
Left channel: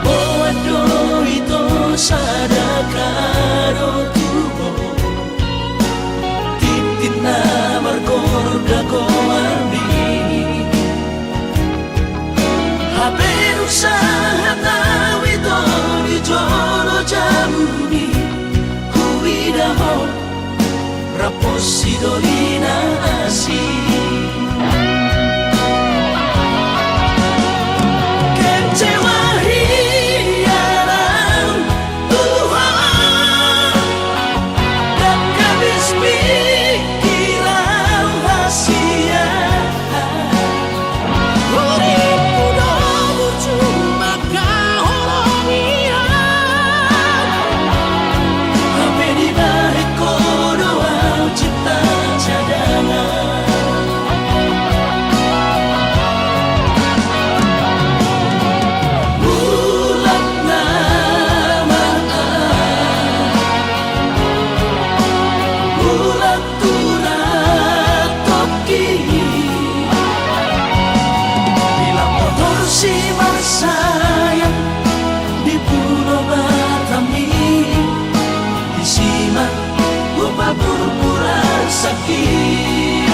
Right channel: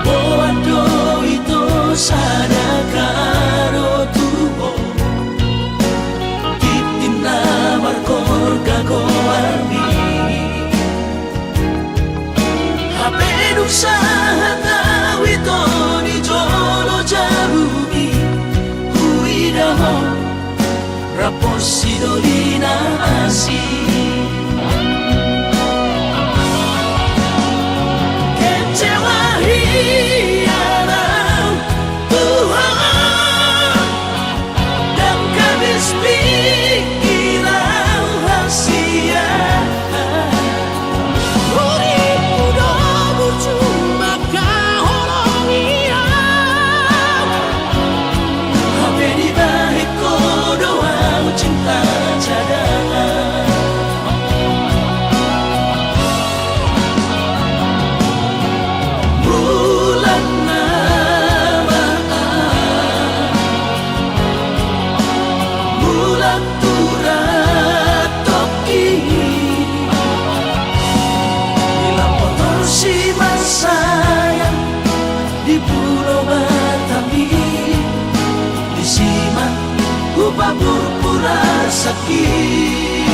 Boado ito sadakaro tubo titinamar korgagoarni Hape usaha tawi to di jono jabuni kuida ho raposi dolina asi kecewa hialah Tuhan dan kabis pikiran rahasia Kulit muda percuma kahoronian Hape di balik kodoan cinta cadangan Bulan namaan Bulan turat toki Dilapor kursi sayang di Pulau Batami disiman upah pura sakit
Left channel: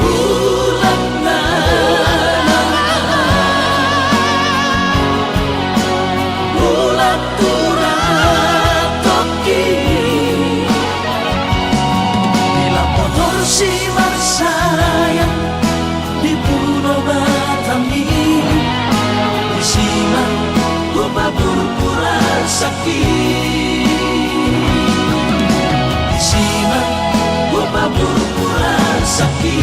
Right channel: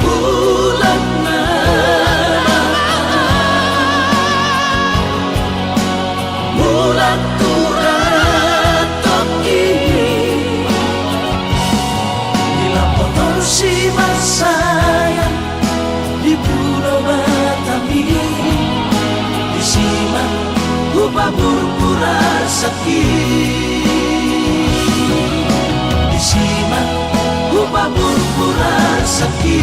Bulan namaan Bulan turat toki Dilapor kursi sayang di Pulau Batami disiman upah pura sakit disiman upah pura sakit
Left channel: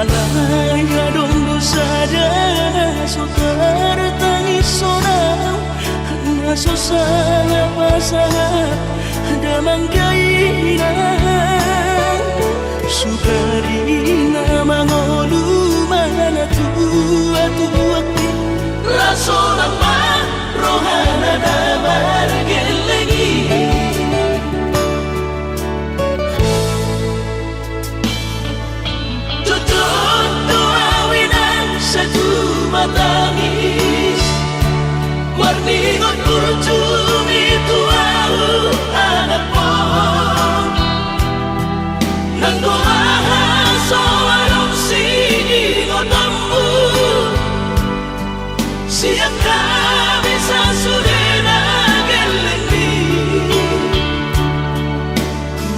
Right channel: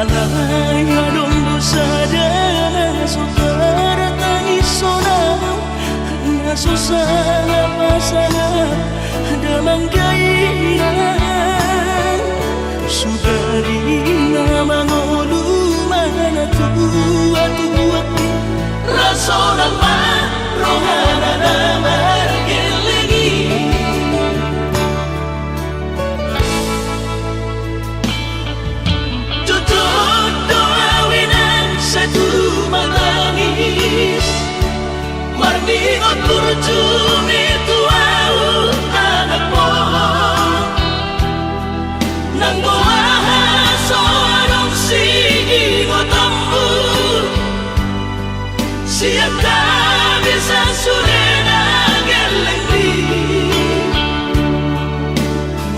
Alay adong dosa dan saudara Naso sanga pasanga damang kainan Sugarina mangolu mana tua-tuakti Raso naman rohana na margelengi Tutup doawinan satu matangis Marningot kurcumi tuau anak mo Nanggoaha soarong sigi ngotammu Siap kami sasurena gelengdi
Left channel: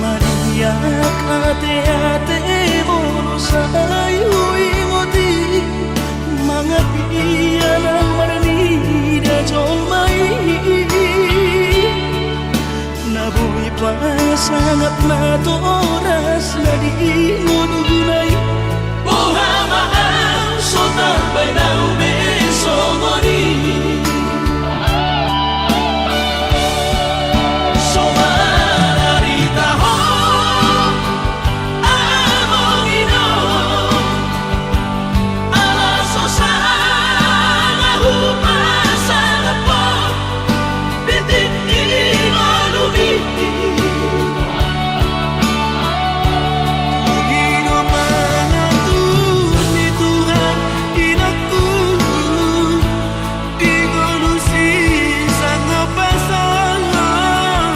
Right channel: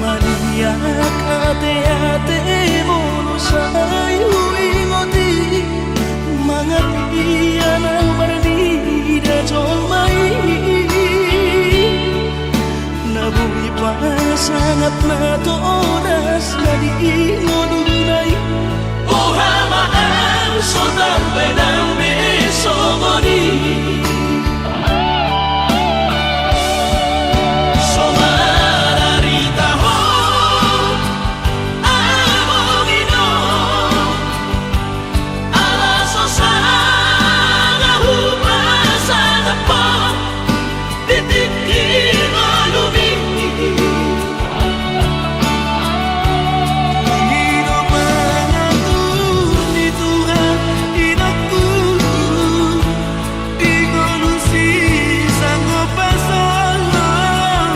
Maniak ate-ate mono sayu ingoti Mangapian ang marani da jolmai Nabuhi pa sangat na to oras na di ngununay Ohama ang sotar ng besomoni Somararita ho among ino Alaso sa ngahupasa na po Titik imalumiti Panginoon mangatur ni Tuhan inakku di kolusi sanggup pasangan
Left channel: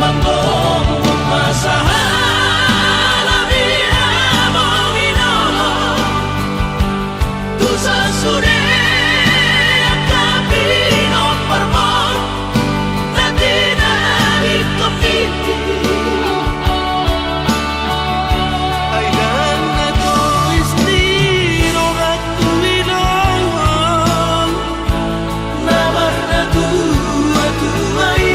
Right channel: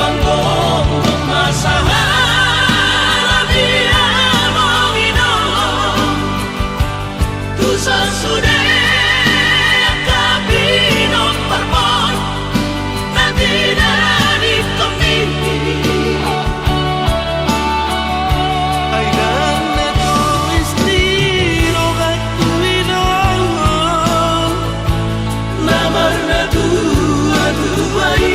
Manggong masahan Labi among ino Tusa sure Akabino parmon Na tinani komiti ay dan na to istiro at tuwinangan Namar na tuwa-tuway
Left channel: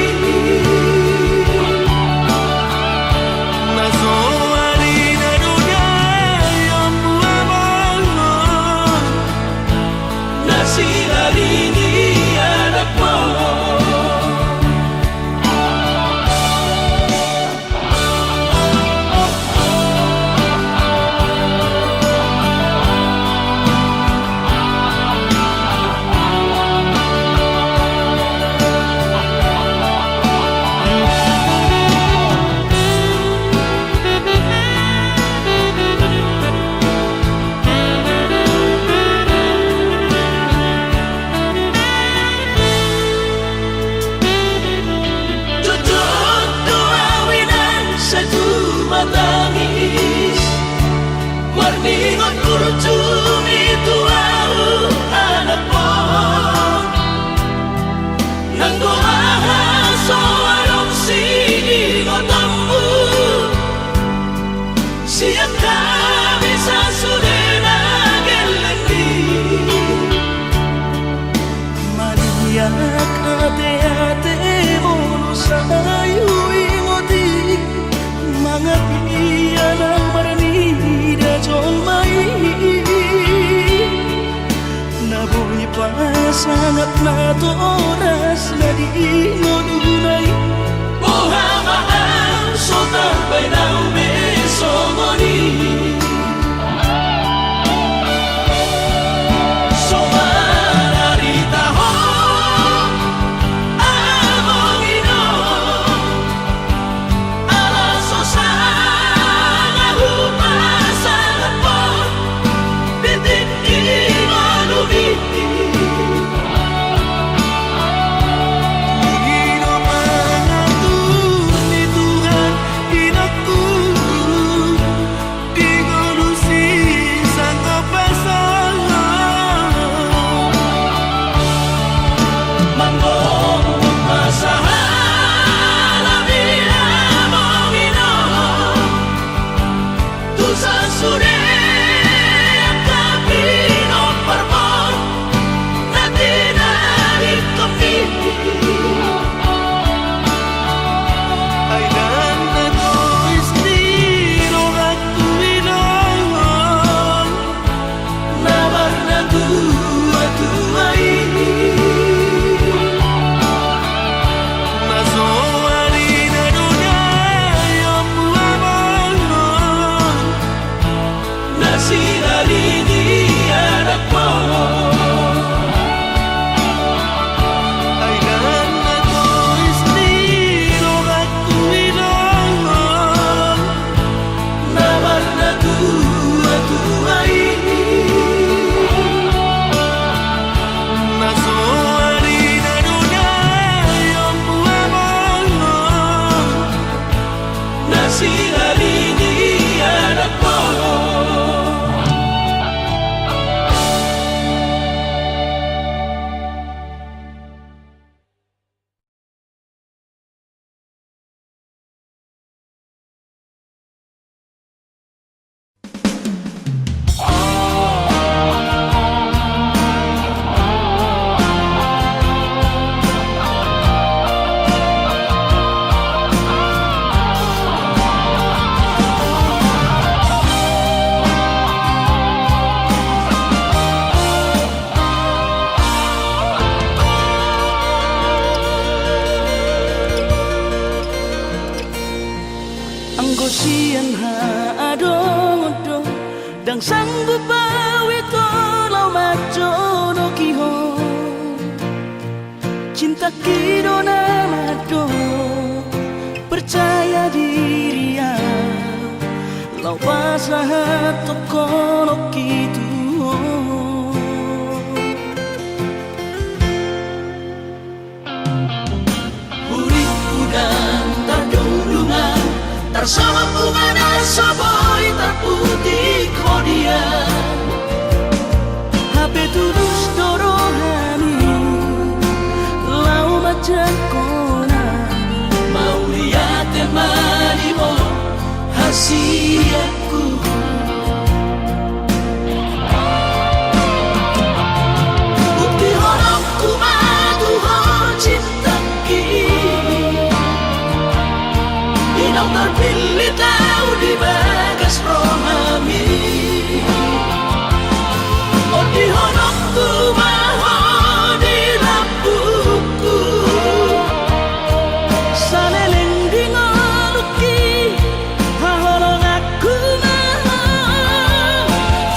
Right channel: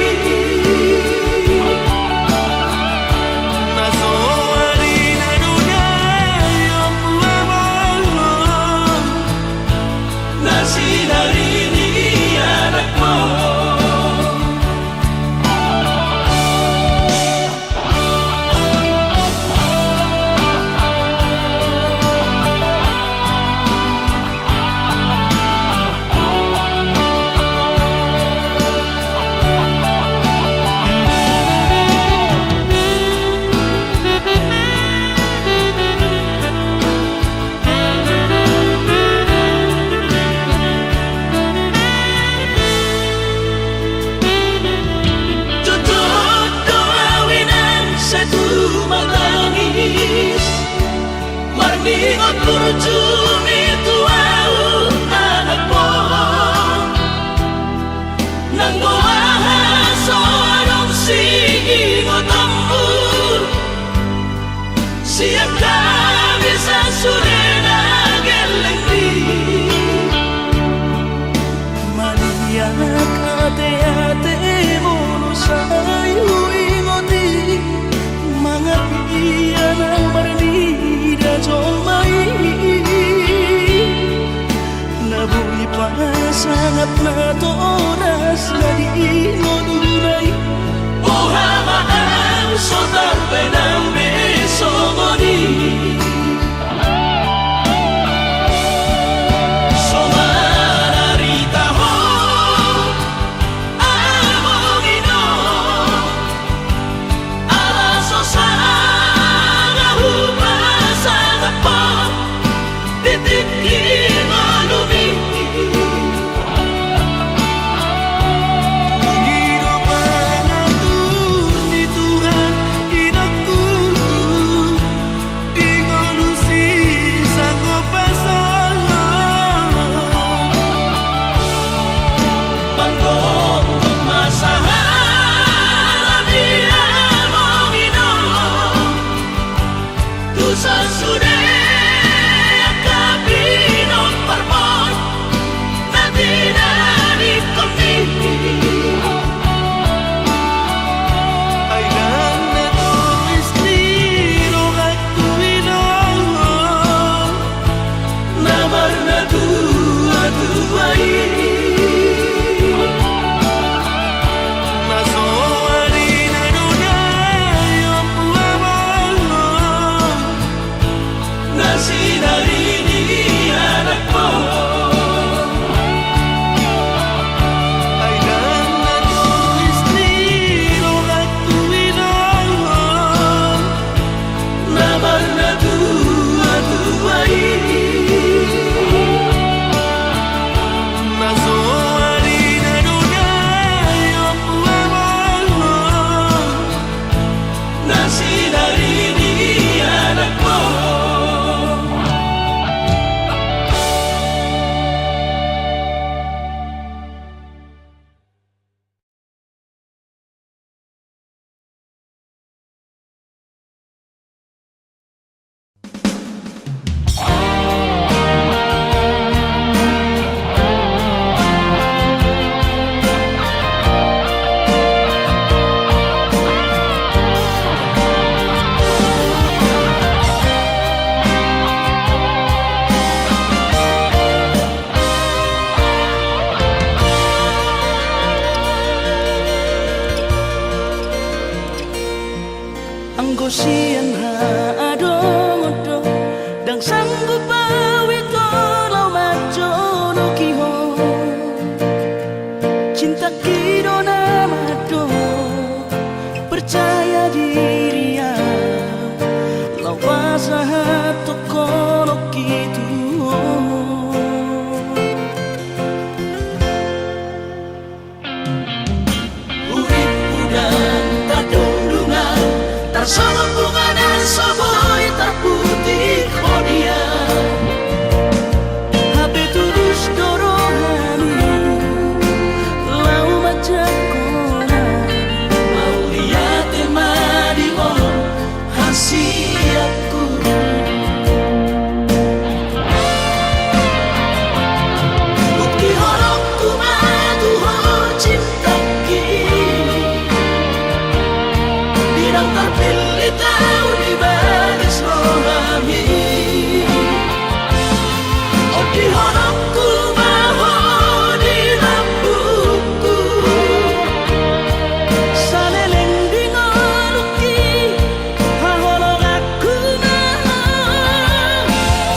naso harina dunay ang buwaman Na sinarini anak mo Tutup doawinan satu matangis Marningot kurcumi tuau anak mo Nanggoaha soarong sigi ngotammu Siap kami sasurena gelengdi Maniak ate-ate mono sayu ingoti Mangapian ang marani da jolmai Nabuhi pa sangat na to oras na di ngununay Ohama ang sotar ng besomoni Somararita ho among ino Alaso sa ngahupasa na po Titik imalumiti Panginoon mangatur ni Tuhan inakku di kolusi sanggup pasangan Manggong masahan Labi among ino Tusa sure Akabino parmon Na tinani komiti ay dan na to istiro at tuwinangan Namar na tuwa-tuway sian ha adong odo dang sanggup bawi lau majo no kiho cinta kido namado percaya diri ya lau pasah toko no kitu sama bunga dan soboy terputih kodia HP tulus dorohani lau majak kona mau lihat temani mo hasiatku bukti horokku madu hor cinta yang terpilih tahu di bagas rohami oh di honokku bahwa di rambutku saleleng di ngaluki haholong aku maha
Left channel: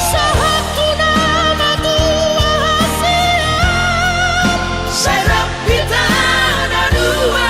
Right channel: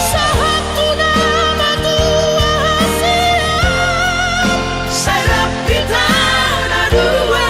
sahatu nama tua hasiat saya pita dua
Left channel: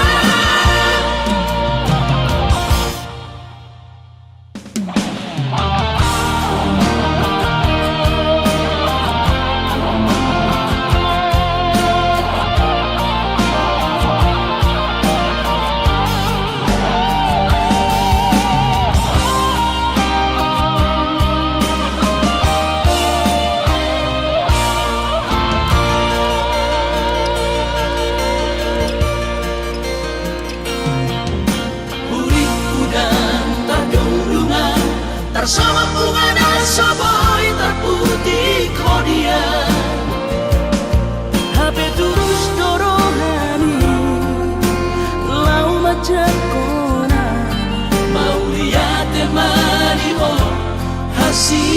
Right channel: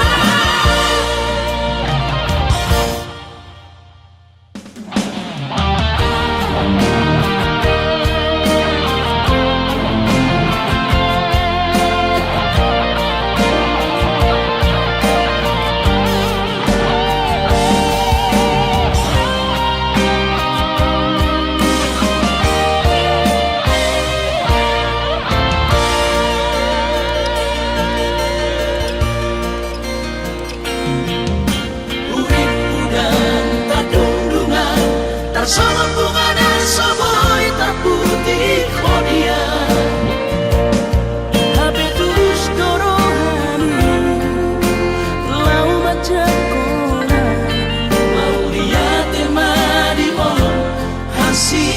sama bunga dan soboy terputih kodia HP tulus dorohani lau majak kona mau lihat temani mo hasil